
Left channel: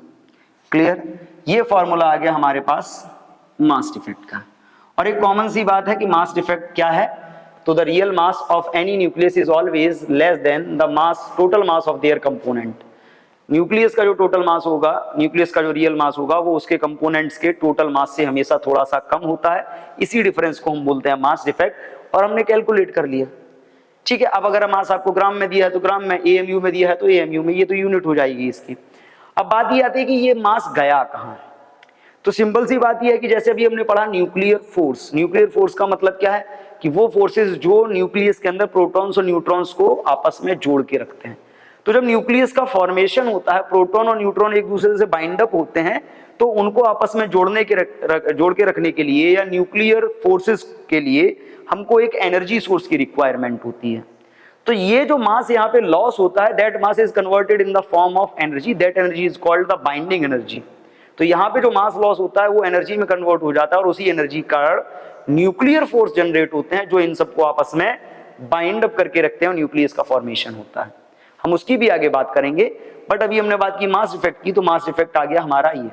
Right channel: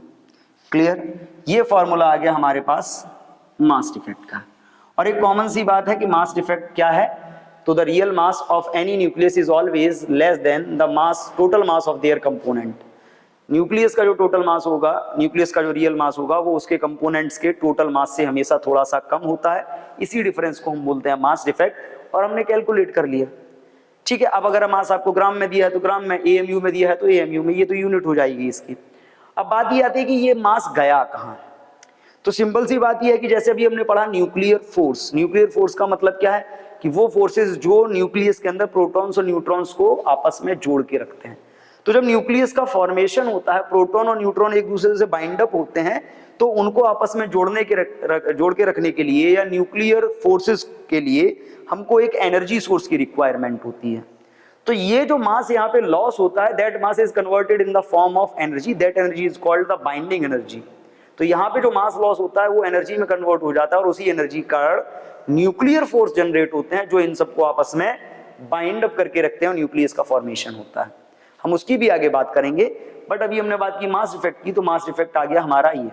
Clear, ये फॉर्मूला आ गया हमारे पास मास डिफेक्ट का। और एक कॉमन सी बात है कि मास डिफेक्ट क्या है, तो the real mass of any nucleus is always less then the mass total mass of there component. Nucleus का जो टोटल मास होगा, न्यूक्लियस का जो रियल मास होगा वो उसके कंपोनेंट्स के टोटल मास से हमेशा थोड़ा सा कम होता है, इसी डिफरेंस को हम बोलते हैं मास डिफेक्ट। और हमने कैलकुलेट कर लिया, ठीक है। अब अगर मास आपको ग्राम में दिया है तो ग्राम में, एएमयू में दिया है तो एएमयू में, ये तो यूनिट हो जाएगी इसकी। अब बात ये आती है कि ये मास गया कहां, तो सिंपल सी बात ये है कि जैसे अभी हमने पढ़ा न्यूक्लियर फोर्स, न्यूक्लियर फोर्स का मतलब क्या है कि वो फोर्सेस जो न्यूक्लियस के अंदर प्रोटॉन्स और न्यूट्रॉन्स को आपस में जोड़ के रखते हैं। तो जब न्यूक्लियस का फॉर्मेशन होता है, प्रोटॉन और न्यूट्रॉन एक दूसरे से बाइंड अप होते हैं, तो उनको आपस में जोड़ के रखने के लिए या न्यूक्लियर फोर्सेस के लिए हमको एक एनर्जी सोर्स की रिक्वायरमेंट होती है। तो ये जो मास यहाँ पे लॉस होता है, that mass is converted in the form of energy, that energy is called the binding energy. तो यहाँ पे जो मास लॉस होता है वो एनर्जी में कन्वर्ट हो जाता है, और उसी एनर्जी का न्यूक्लियर फोर्स जनरेट होते हैं जो इन सबको आपस में बाइंड अप करके रखते हैं और न्यूक्लियस का फॉर्मेशन होता है। हम उसकी भी आगे बात करेंगे, बट अभी हमने बात की मास इफेक्ट की, तो मास इफेक्ट आ गया हमारा ये।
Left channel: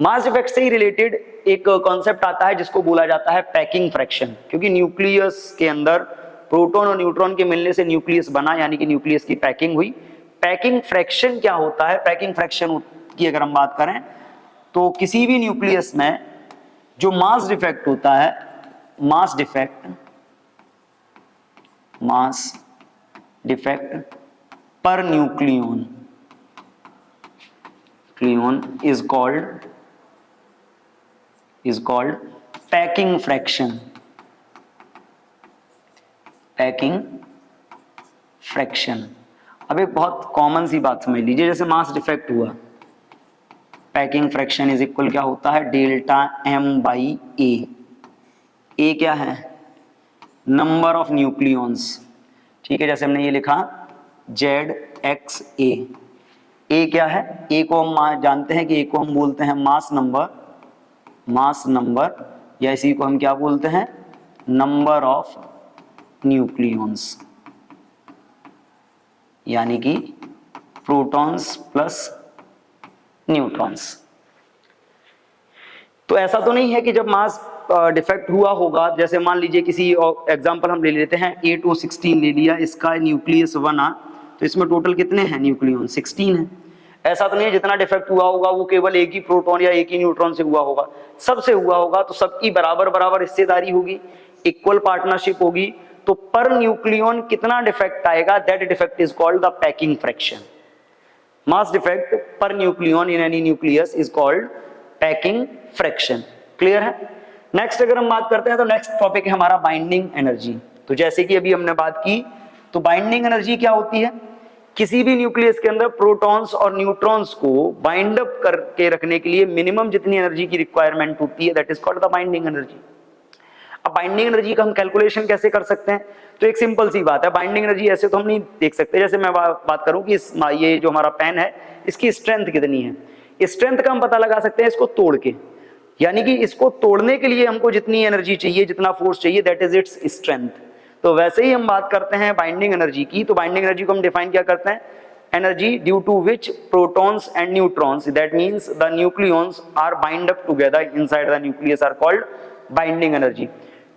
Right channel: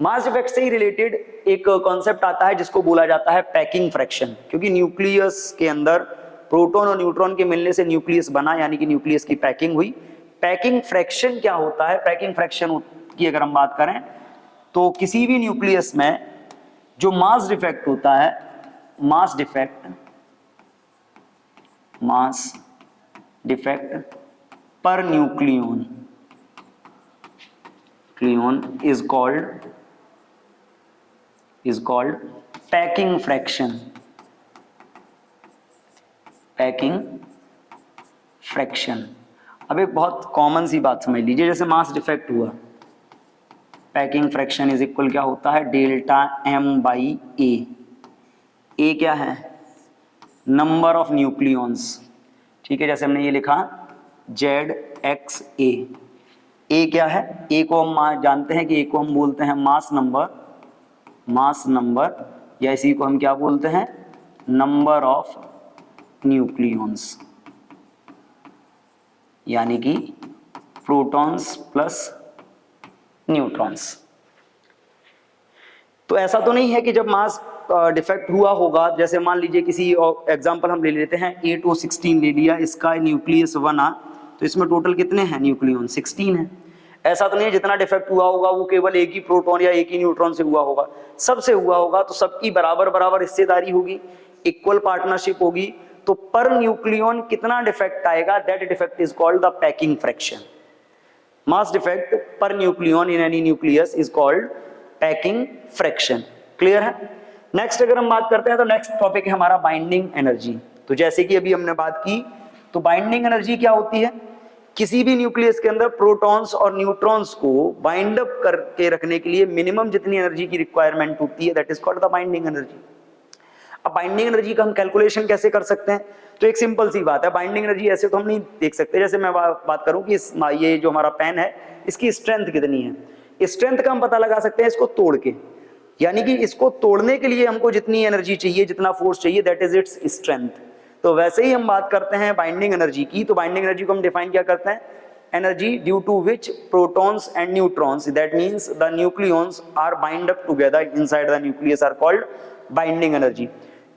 मास इफेक्ट से ही रिलेटेड एक कॉन्सेप्ट आता है जिसको बोला जाता है पैकिंग फ्रैक्शन, क्योंकि न्यूक्लियस के अंदर प्रोटॉन और न्यूट्रॉन के मिलने से न्यूक्लियस बना, यानी कि न्यूक्लियस की पैकिंग हुई। पैकिंग फ्रैक्शन क्या होता है, पैकिंग फ्रैक्शन की अगर हम बात करें तो किसी भी न्यूक्लियस में जो मास डिफेक्ट होता है, mass defect per nucleon is called packing fraction। अब एक बहुत कॉमन सी बात समझ लीजिए, जैसे मास डिफेक्ट हुआ, पैकिंग फ्रैक्शन इज इक्वल क्या होता है, डेल्टा एम बाई ए। ए क्या है, नंबर ऑफ न्यूक्लियॉन्स, ठीक है। जैसे हमने ये लिखा जेड एक्स ए, ए क्या है, ए को हम जानते हैं कि ए को हम बोलते हैं मास नंबर, या इसी को हम क्या बोलते हैं, नंबर ऑफ न्यूक्लियॉन्स, यानी कि प्रोटॉन्स प्लस न्यूट्रॉन्स। तो ऐसा तो नहीं है कि जब मास डिफेक्ट हुआ होगा, जैसे मान लीजिए किसी एग्जांपल हम ले लेते हैं 8O16 ले लिया, इसका न्यूक्लियस बना, तो इसमें टोटल कितने हैं न्यूक्लियॉन, 16 है। ऐसा तो नहीं जितना डिफेक्ट हुआ होगा वो केवल एक ही प्रोटॉन या एक ही न्यूट्रॉन से हुआ होगा, सबसे हुआ होगा, तो सबकी बराबर बराबर हिस्सेदारी होगी, इक्वल पार्टनरशिप होगी। तो पर न्यूक्लियन कितना डिफेक्ट आएगा, that defect is called the packing fraction. Mass defect per nucleon in any nucleus is called packing fraction. Clear है। नेक्स्ट अगर हम बात करते हैं तो नेक्स्ट टॉपिक है हमारा बाइंडिंग एनर्जी। तो जैसे कि अभी हमने बात की, तो बाइंडिंग एनर्जी क्या होती है, किसी भी न्यूक्लियस के अंदर प्रोटॉन्स और न्यूट्रॉन्स को बाइंड अप करके रखने के लिए मिनिमम जितनी एनर्जी की रिक्वायरमेंट होती है, that is called the binding energy. अब बाइंडिंग एनर्जी का हम कैलकुलेशन कैसे कर सकते हैं, तो एक सिंपल सी बात है, बाइंडिंग एनर्जी ऐसे तो हम नहीं देख सकते। जैसे मैं बात करूं कि ये जो हमारा पेन है इसकी स्ट्रेंथ कितनी है, स्ट्रेंथ का हम पता लगा सकते हैं इसको तोड़ के, यानी कि इसको तोड़ने के लिए हमको जितनी एनर्जी चाहिए, जितना फोर्स चाहिए, दैट इज इट्स स्ट्रेंथ। तो वैसे ही हम बात करते हैं बाइंडिंग एनर्जी की, तो बाइंडिंग एनर्जी को हम डिफाइन क्या करते हैं, energy due to which protons and neutrons, that means the nucleons are bind up together inside the nucleus are called binding energy.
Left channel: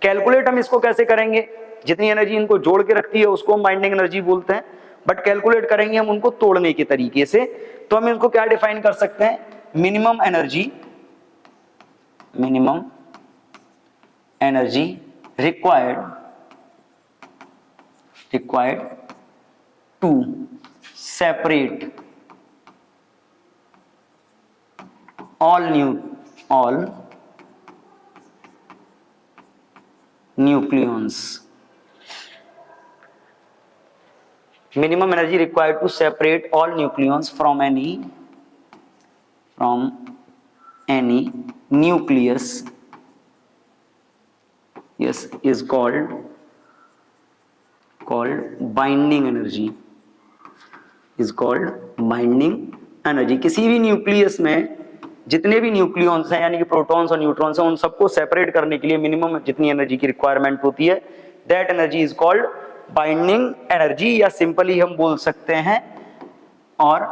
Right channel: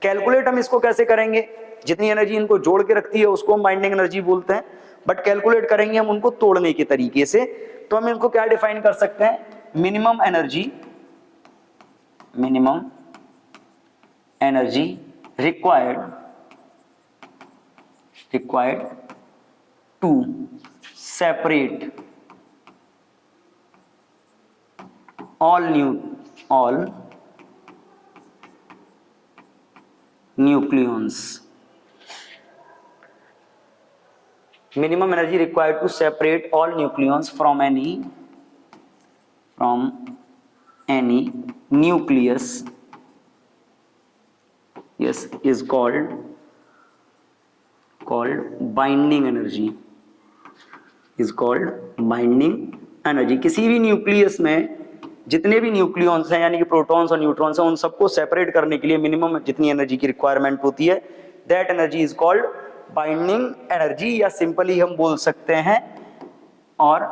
Calculate हम इसको कैसे करेंगे, जितनी एनर्जी इनको जोड़ के रखती है उसको हम बाइंडिंग एनर्जी बोलते हैं, बट कैलकुलेट करेंगे हम उनको तोड़ने के तरीके से। तो हम इनको क्या डिफाइन कर सकते हैं, minimum energy required to separate all nucleons, minimum energy required to separate all nucleons from any nucleus, yes, is called binding energy, is called binding energy। किसी भी न्यूक्लियस में जितने भी न्यूक्लियॉन्स हैं यानी कि प्रोटॉन्स और न्यूट्रॉन्स हैं, उन सबको सेपरेट करने के लिए मिनिमम जितनी एनर्जी की रिक्वायरमेंट होती है, that energy is called binding energy, या सिंपली हम बोल सकते हैं और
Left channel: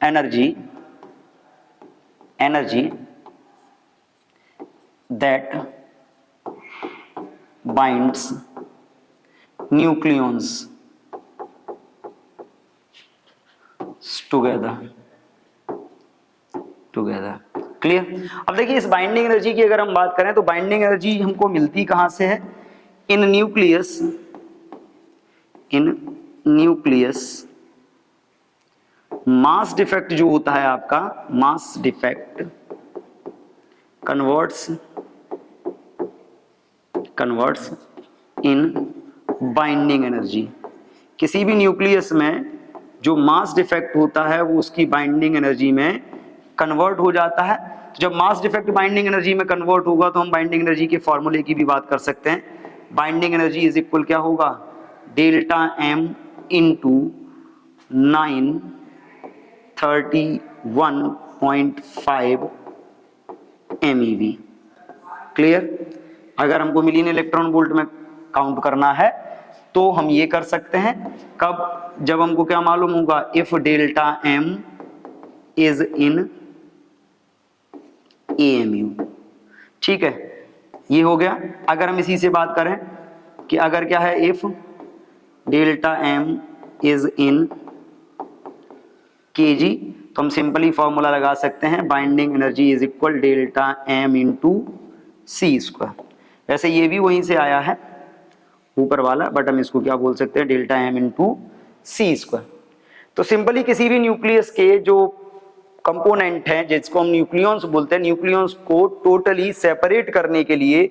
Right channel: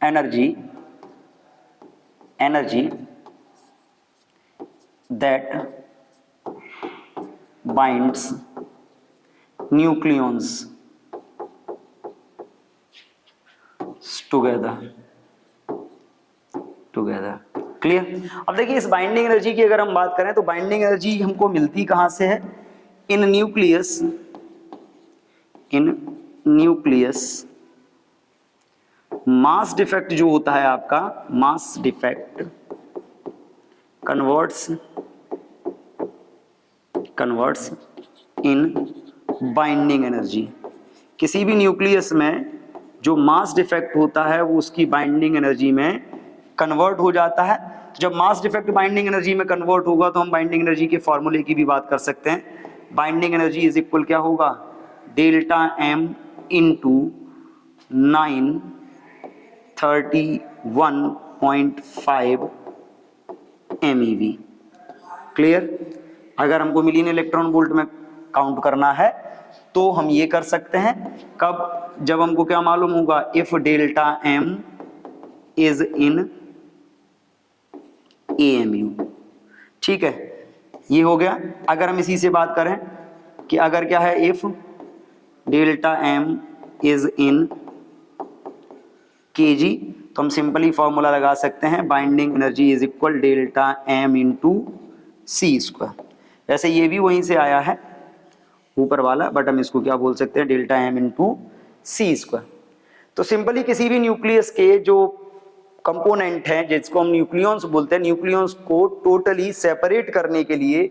energy that binds nucleons together. Clear? अब देखिए इस बाइंडिंग एनर्जी की अगर हम बात करें तो बाइंडिंग एनर्जी हमको मिलती कहां से है? इन न्यूक्लियस मास डिफेक्ट जो होता है आपका, mass defect converts in binding energy. किसी भी न्यूक्लियस में जो मास डिफेक्ट होता है वो उसकी बाइंडिंग एनर्जी में कन्वर्ट हो जाता है। जब मास डिफेक्ट बाइंडिंग एनर्जी में कन्वर्ट होगा तो हम बाइंडिंग एनर्जी के फॉर्मूले की भी बात कर सकते हैं। बाइंडिंग एनर्जी इज इक्वल क्या होगा? Delta M into 931.5 MeV। Clear? अगर हमको मिलियन इलेक्ट्रॉन वोल्ट में काउंट करना है तो हम ये कर सकते हैं। कब? जब हमको क्या मालूम होगा? If delta M is in AMU। ठीक है, ये हो गया। अगर हम इसी से बात करें कि अगर क्या है, if delta M is in kg, तो हम सिंपली फॉर्मूला लगा सकते हैं, binding energy is equal delta M into C square. वैसे ये भी वहीं से आया है ऊपर वाला, बट हम इसको क्या बोल सकते हैं? Delta M into C square. तो सिंपली किसी भी न्यूक्लियस के जो कंपोनेंट हैं जिसको हम न्यूक्लियॉन्स बोलते हैं, न्यूक्लियॉन्स को टोटली सेपरेट करने के लिए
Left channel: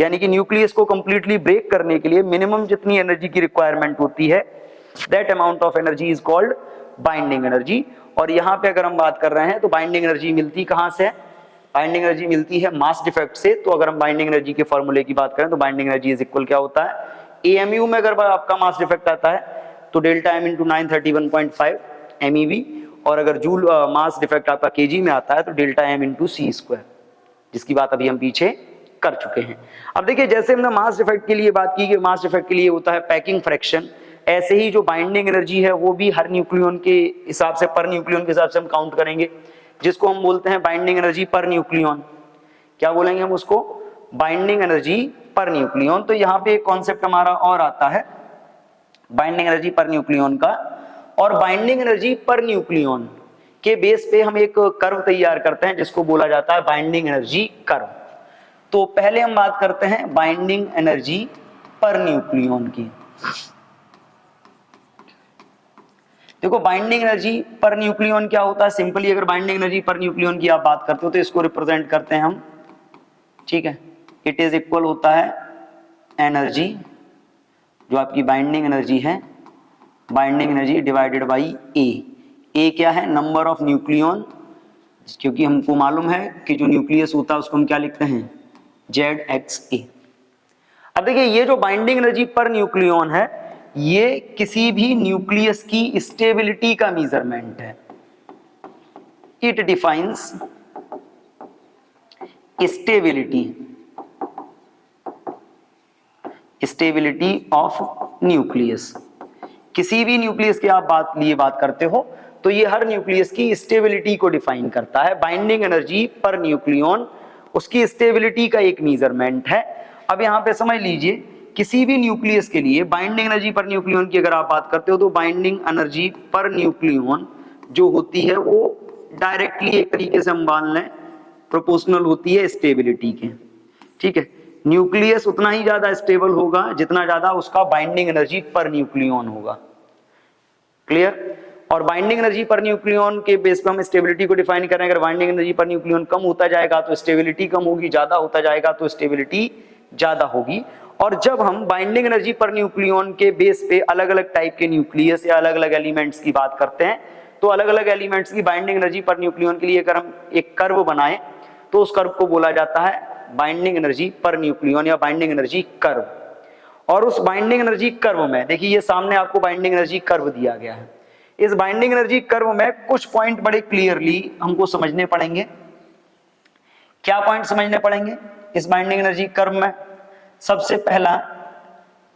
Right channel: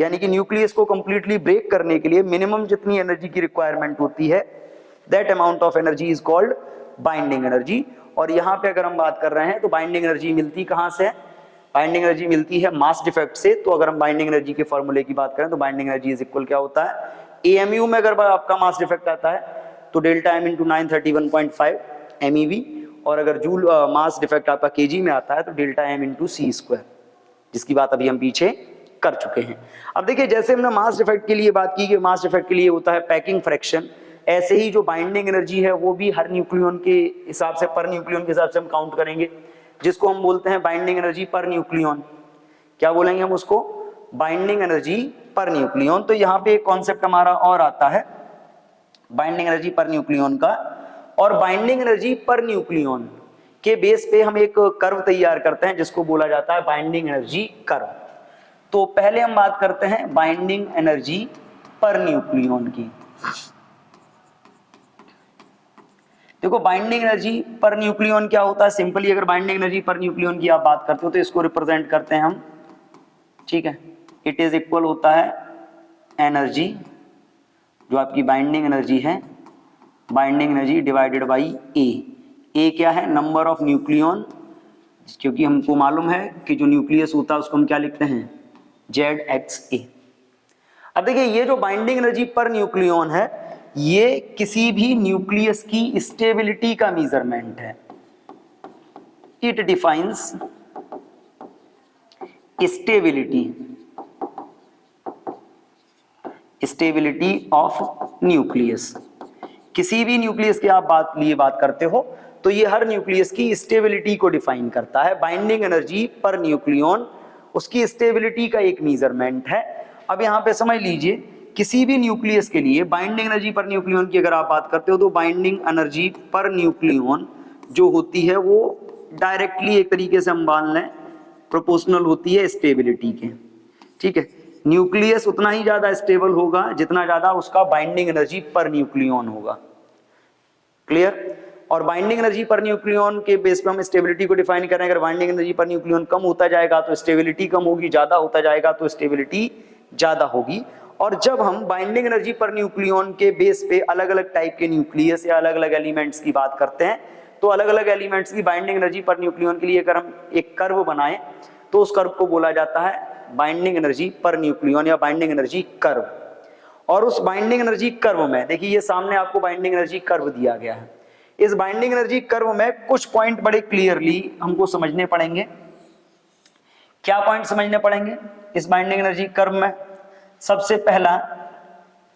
यानी कि न्यूक्लियस को कंप्लीटली ब्रेक करने के लिए मिनिमम जितनी एनर्जी की रिक्वायरमेंट होती है, that amount of energy is called binding energy. और यहाँ पे अगर हम बात कर रहे हैं तो बाइंडिंग एनर्जी मिलती कहाँ से? बाइंडिंग एनर्जी मिलती है मास डिफेक्ट से। तो अगर हम बाइंडिंग एनर्जी के फॉर्मूले की बात करें तो बाइंडिंग एनर्जी इज इक्वल क्या होता है? AMU में अगर आपका मास डिफेक्ट आता है तो डेल्टा एम इंटू 931.5 MeV, और अगर जूल मास डिफेक्ट आपका kg में आता है तो delta M into C square, जिसकी बात अभी हम पीछे कर चुके हैं। अब देखिए जैसे हमने मास डिफेक्ट के लिए बात की कि मास डिफेक्ट के लिए होता है पैकिंग फ्रैक्शन, ऐसे ही जो बाइंडिंग एनर्जी है वो भी हर न्यूक्लियन के हिसाब से, पर न्यूक्लियन के हिसाब से हम काउंट करेंगे, जिसको हम बोलते हैं बाइंडिंग एनर्जी पर न्यूक्लियन। क्या बोलेंगे हम उसको? Binding energy per nucleon. तो यहाँ पे एक कॉन्सेप्ट हमारा और आता है बाइंडिंग एनर्जी पर न्यूक्लियन का, और बाइंडिंग एनर्जी पर न्यूक्लियन के बेस पे हम एक कर्व तैयार करते हैं जिसको बोला जाता है बाइंडिंग एनर्जी कर्व। तो पहले हम बात करते हैं बाइंडिंग एनर्जी पर न्यूक्लियन की। देखो बाइंडिंग एनर्जी पर न्यूक्लियन क्या होता है? सिंपली अगर बाइंडिंग एनर्जी पर न्यूक्लियन की आप बात करते हो तो इसको रिप्रेजेंट करते हैं हम, ठीक है, इट इज इक्वल होता है एनर्जी, जो आपकी बाइंडिंग एनर्जी है, बाइंडिंग एनर्जी डिवाइडेड बाई ए क्या है? नंबर ऑफ न्यूक्लियन, क्योंकि हमको मालूम है कि जो न्यूक्लियस होता है उसको हम क्या लिखते हैं? ZXA। अब देखिए ये जो बाइंडिंग एनर्जी पर न्यूक्लियन है ये किसी भी न्यूक्लियस की स्टेबिलिटी का मेजरमेंट है। It defines stability of nucleus. किसी भी न्यूक्लियस की आप बात करते हो तो ये हर न्यूक्लियस की स्टेबिलिटी को डिफाइन करता है। बाइंडिंग एनर्जी पर न्यूक्लियन उसकी स्टेबिलिटी का एक मेजरमेंट है। अब यहां पे समझ लीजिए किसी भी न्यूक्लियस के लिए बाइंडिंग एनर्जी पर न्यूक्लियन की अगर आप बात करते हो तो बाइंडिंग एनर्जी पर न्यूक्लियन जो होती है वो डायरेक्टली एक तरीके से हम मान लें प्रोपोर्शनल होती है स्टेबिलिटी के। ठीक है, न्यूक्लियस उतना ही ज्यादा स्टेबल होगा जितना ज्यादा उसका बाइंडिंग एनर्जी पर न्यूक्लियन होगा। क्लियर? और बाइंडिंग एनर्जी पर न्यूक्लियन के बेस पे हम स्टेबिलिटी को डिफाइन करें। अगर बाइंडिंग एनर्जी पर न्यूक्लियन कम होता जाएगा तो स्टेबिलिटी कम होगी, ज्यादा होता जाएगा तो स्टेबिलिटी ज्यादा होगी। और जब हम बाइंडिंग एनर्जी पर न्यूक्लियन के बेस पे अलग अलग टाइप के न्यूक्लियस या अलग अलग एलिमेंट्स की बात करते हैं, तो अलग अलग एलिमेंट्स की बाइंडिंग एनर्जी पर न्यूक्लियन के लिए अगर हम एक कर्व बनाएं तो उस कर्व को बोला जाता है बाइंडिंग एनर्जी पर न्यूक्लियन या बाइंडिंग एनर्जी कर्व। और उस बाइंडिंग एनर्जी कर्व में देखिए, ये सामने आपको बाइंडिंग एनर्जी कर्व दिया गया है। इस बाइंडिंग एनर्जी कर्व में कुछ पॉइंट बड़े क्लियरली हमको समझने पड़ेंगे। क्या पॉइंट समझने पड़ेंगे इस बाइंडिंग एनर्जी कर्व में? सबसे पहला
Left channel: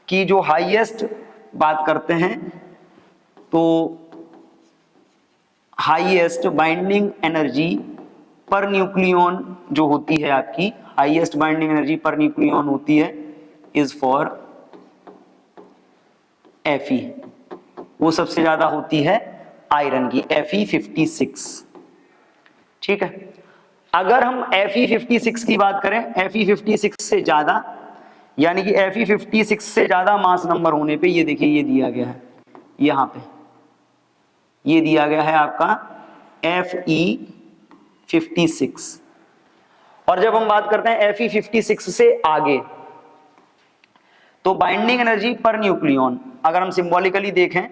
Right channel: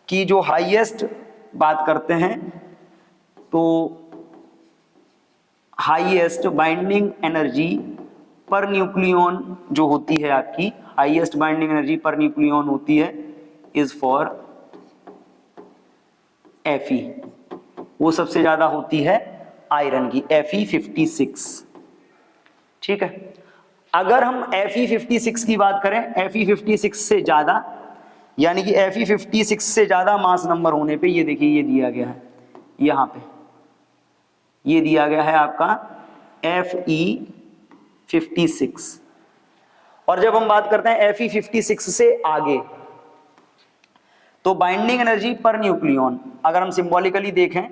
कि जो हाईएस्ट बात करते हैं तो highest binding energy per nucleon जो होती है आपकी, highest binding energy per nucleon होती है इज फॉर Fe। वो सबसे ज्यादा होती है आयरन की, Fe56। ठीक है, अगर हम Fe56 की बात करें, Fe56 से ज्यादा, यानी कि Fe56 से ज्यादा मास नंबर होने पे, ये देखिए ये दिया गया है, यहां पे ये दिया गया है आपका Fe56। और जब हम बात करते हैं Fe56 से आगे, तो बाइंडिंग एनर्जी पर न्यूक्लियन अगर हम सिंबॉलिकली देखें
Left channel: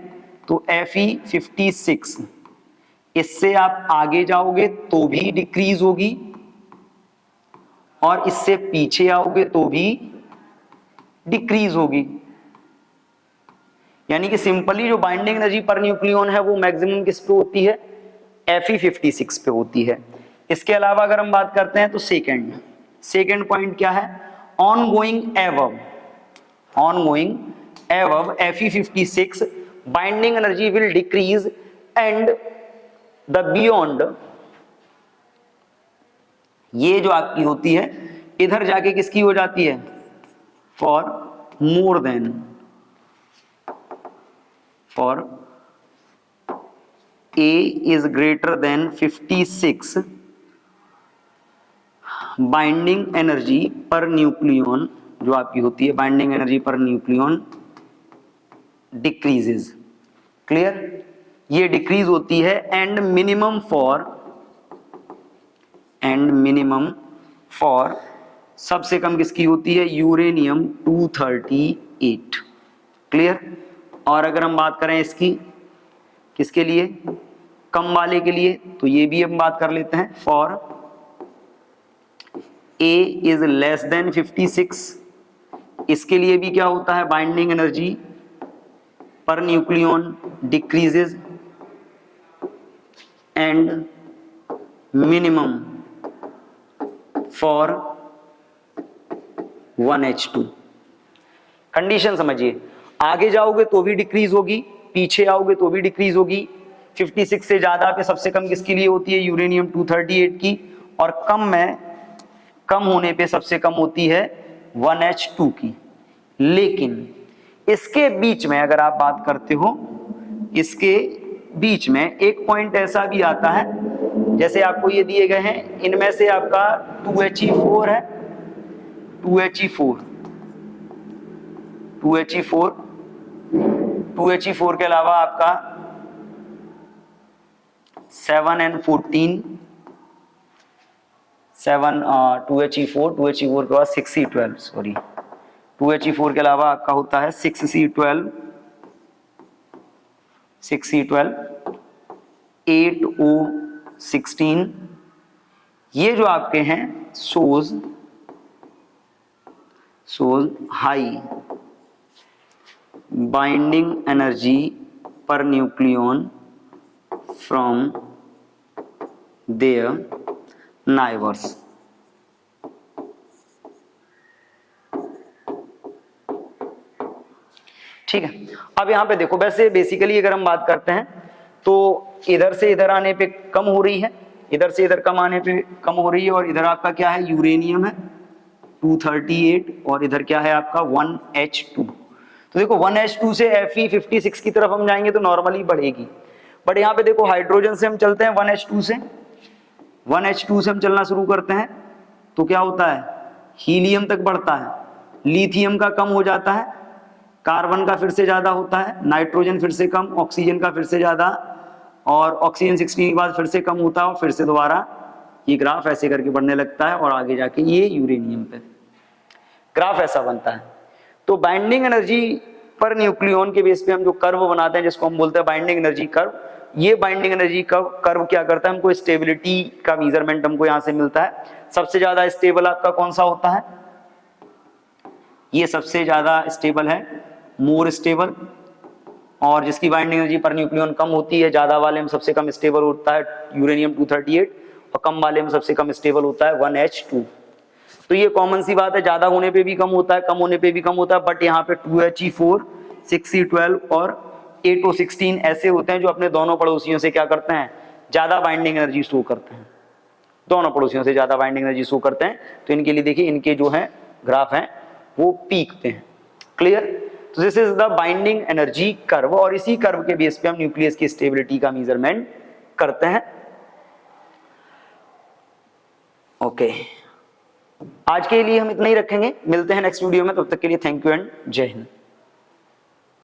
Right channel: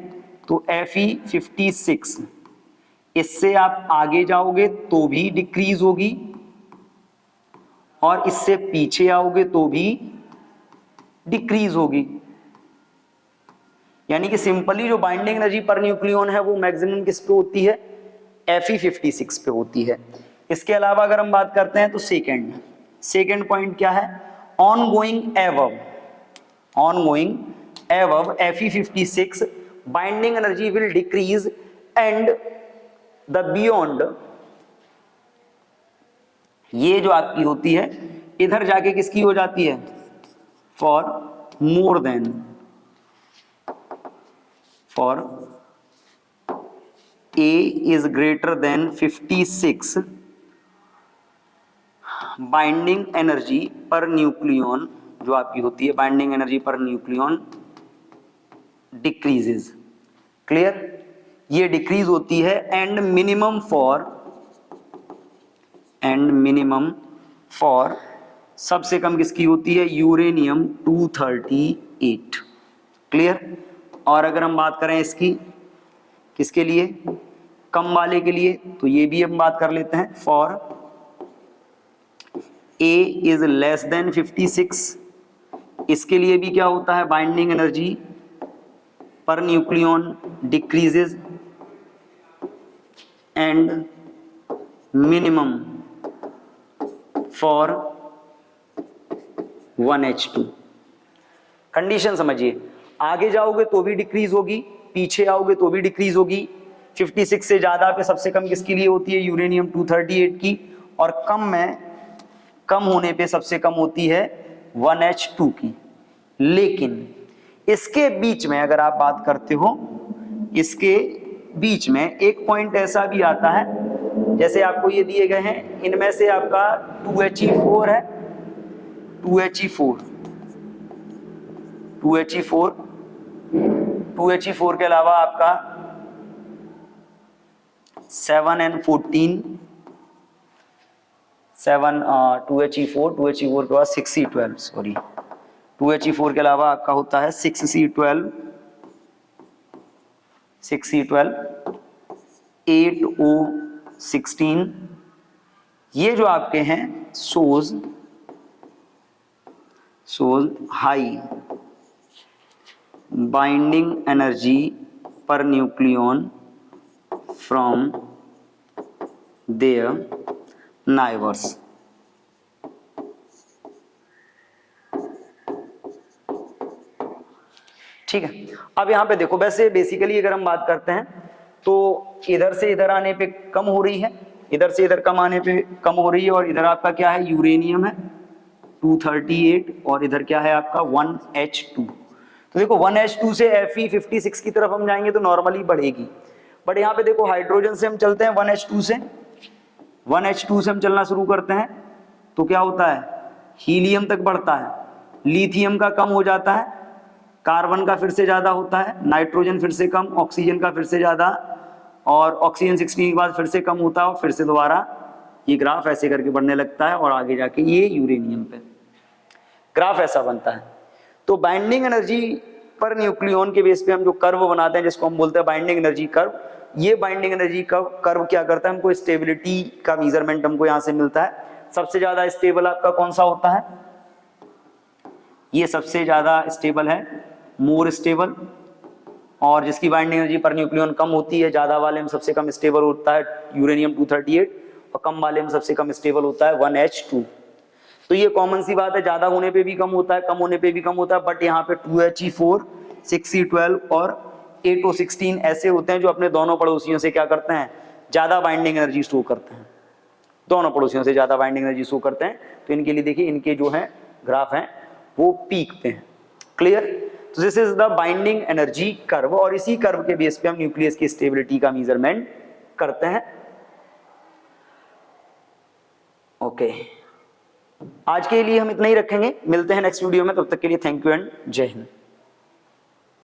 तो Fe56, इससे आप आगे जाओगे तो भी डिक्रीज होगी और इससे पीछे आओगे तो भी डिक्रीज होगी। यानी कि सिंपली जो बाइंडिंग एनर्जी पर न्यूक्लियन है वो मैक्सिमम किस पे होती है? Fe56 पे होती है। इसके अलावा अगर हम बात करते हैं तो सेकेंड पॉइंट क्या है? Ongoing above Fe56 binding energy will decrease and the beyond, ये जो आपकी होती है इधर जाके किसकी हो जाती है? For more than, for A is greater than 56 binding energy per nucleon जो आपकी होती है, binding energy per nucleon decreases. Clear? ये डिक्रीज होती है एंड मिनिमम फॉर सबसे कम किसकी होती है? यूरेनियम 238। क्लियर? और अगर हम बात करें इसकी किसके लिए? कम वाले के लिए, तो ये भी हम बात कर लेते हैं। For A is less than 56, इसके लिए भी क्या होता है? Binding energy per nucleon decreases and minimum for 1H2। Condition समझिए, आगे जाओगे तो भी डिक्रीज होगी, पीछे आओगे तो भी डिक्रीज होगी। 56 से ज्यादा पे सबसे कम किसके लिए होती है? यूरेनियम 238 की। और कम होने पे सबसे कम होती है 1H2 की। लेकिन इसके बीच में अगर आप बात करते हो, इसके बीच में एक पॉइंट ऐसा भी आता है, जैसे आपको ये दिए गए हैं, इनमें से आपका 2He4 है, 2He4 के अलावा आपका 7N14, 2He4 के बाद 6C12, सॉरी 2He4 के अलावा आपका होता है 6C12, 8O16। ये जो आपके हैं shows high binding energy per nucleon from their neighbours. ठीक है, अब यहां पे देखो, वैसे बेसिकली अगर हम बात करते हैं तो इधर से इधर आने पे कम हो रही है, इधर से इधर कम आने पे कम हो रही है। और इधर आपका क्या है? यूरेनियम है 238 और इधर क्या है आपका 1H2। तो देखो 1H2 से Fe56 की तरफ हम जाएंगे तो नॉर्मली बढ़ेगी, बट यहाँ पे देखो हाइड्रोजन से हम चलते हैं 1H2 से हम चलना शुरू करते हैं तो क्या होता है? हीलियम तक बढ़ता है, लिथियम का कम हो जाता है, कार्बन का फिर से ज्यादा होता है, नाइट्रोजन फिर से कम, ऑक्सीजन का फिर से ज्यादा, और ऑक्सीजन 16 के बाद फिर से कम होता है और फिर से दोबारा ये ग्राफ ऐसे करके बढ़ने लगता है और आगे जाके ये यूरेनियम पे ग्राफ ऐसा बनता है। तो बाइंडिंग एनर्जी पर न्यूक्लियॉन के बेस पे हम जो कर्व बनाते हैं जिसको हम बोलते हैं बाइंडिंग एनर्जी कर्व, ये बाइंडिंग एनर्जी कर्व क्या करता है, हमको स्टेबिलिटी का मेजरमेंट हमको यहाँ से मिलता है। सबसे ज्यादा स्टेबल आपका कौन सा होता है, ये सबसे ज्यादा स्टेबल है, मोर स्टेबल, और जिसकी बाइंडिंग एनर्जी पर न्यूक्लियॉन कम होती है, ज्यादा वाले में सबसे कम स्टेबल होता है यूरेनियम 238 और कम वाले में सबसे कम स्टेबल होता है 1H2। तो ये कॉमन सी बात है, ज्यादा होने पे भी कम होता है, कम होने पे भी कम होता है, बट यहाँ पे 2He4, 6C12 और 8O16 ऐसे होते हैं जो अपने दोनों पड़ोसियों से क्या करते हैं, ज्यादा बाइंडिंग एनर्जी शो करते हैं, दोनों पड़ोसियों से ज्यादा बाइंडिंग एनर्जी शो करते हैं। तो इनके लिए देखिए इनके जो है ग्राफ हैं वो पीक पे हैं। क्लियर? तो this is the binding energy curve और इसी कर्व के बेस पे हम न्यूक्लियस की स्टेबिलिटी का मेजरमेंट करते हैं। ओके, आज के लिए हम इतना ही रखेंगे, मिलते हैं नेक्स्ट वीडियो में, तब तक के लिए थैंक यू एंड जय हिंद।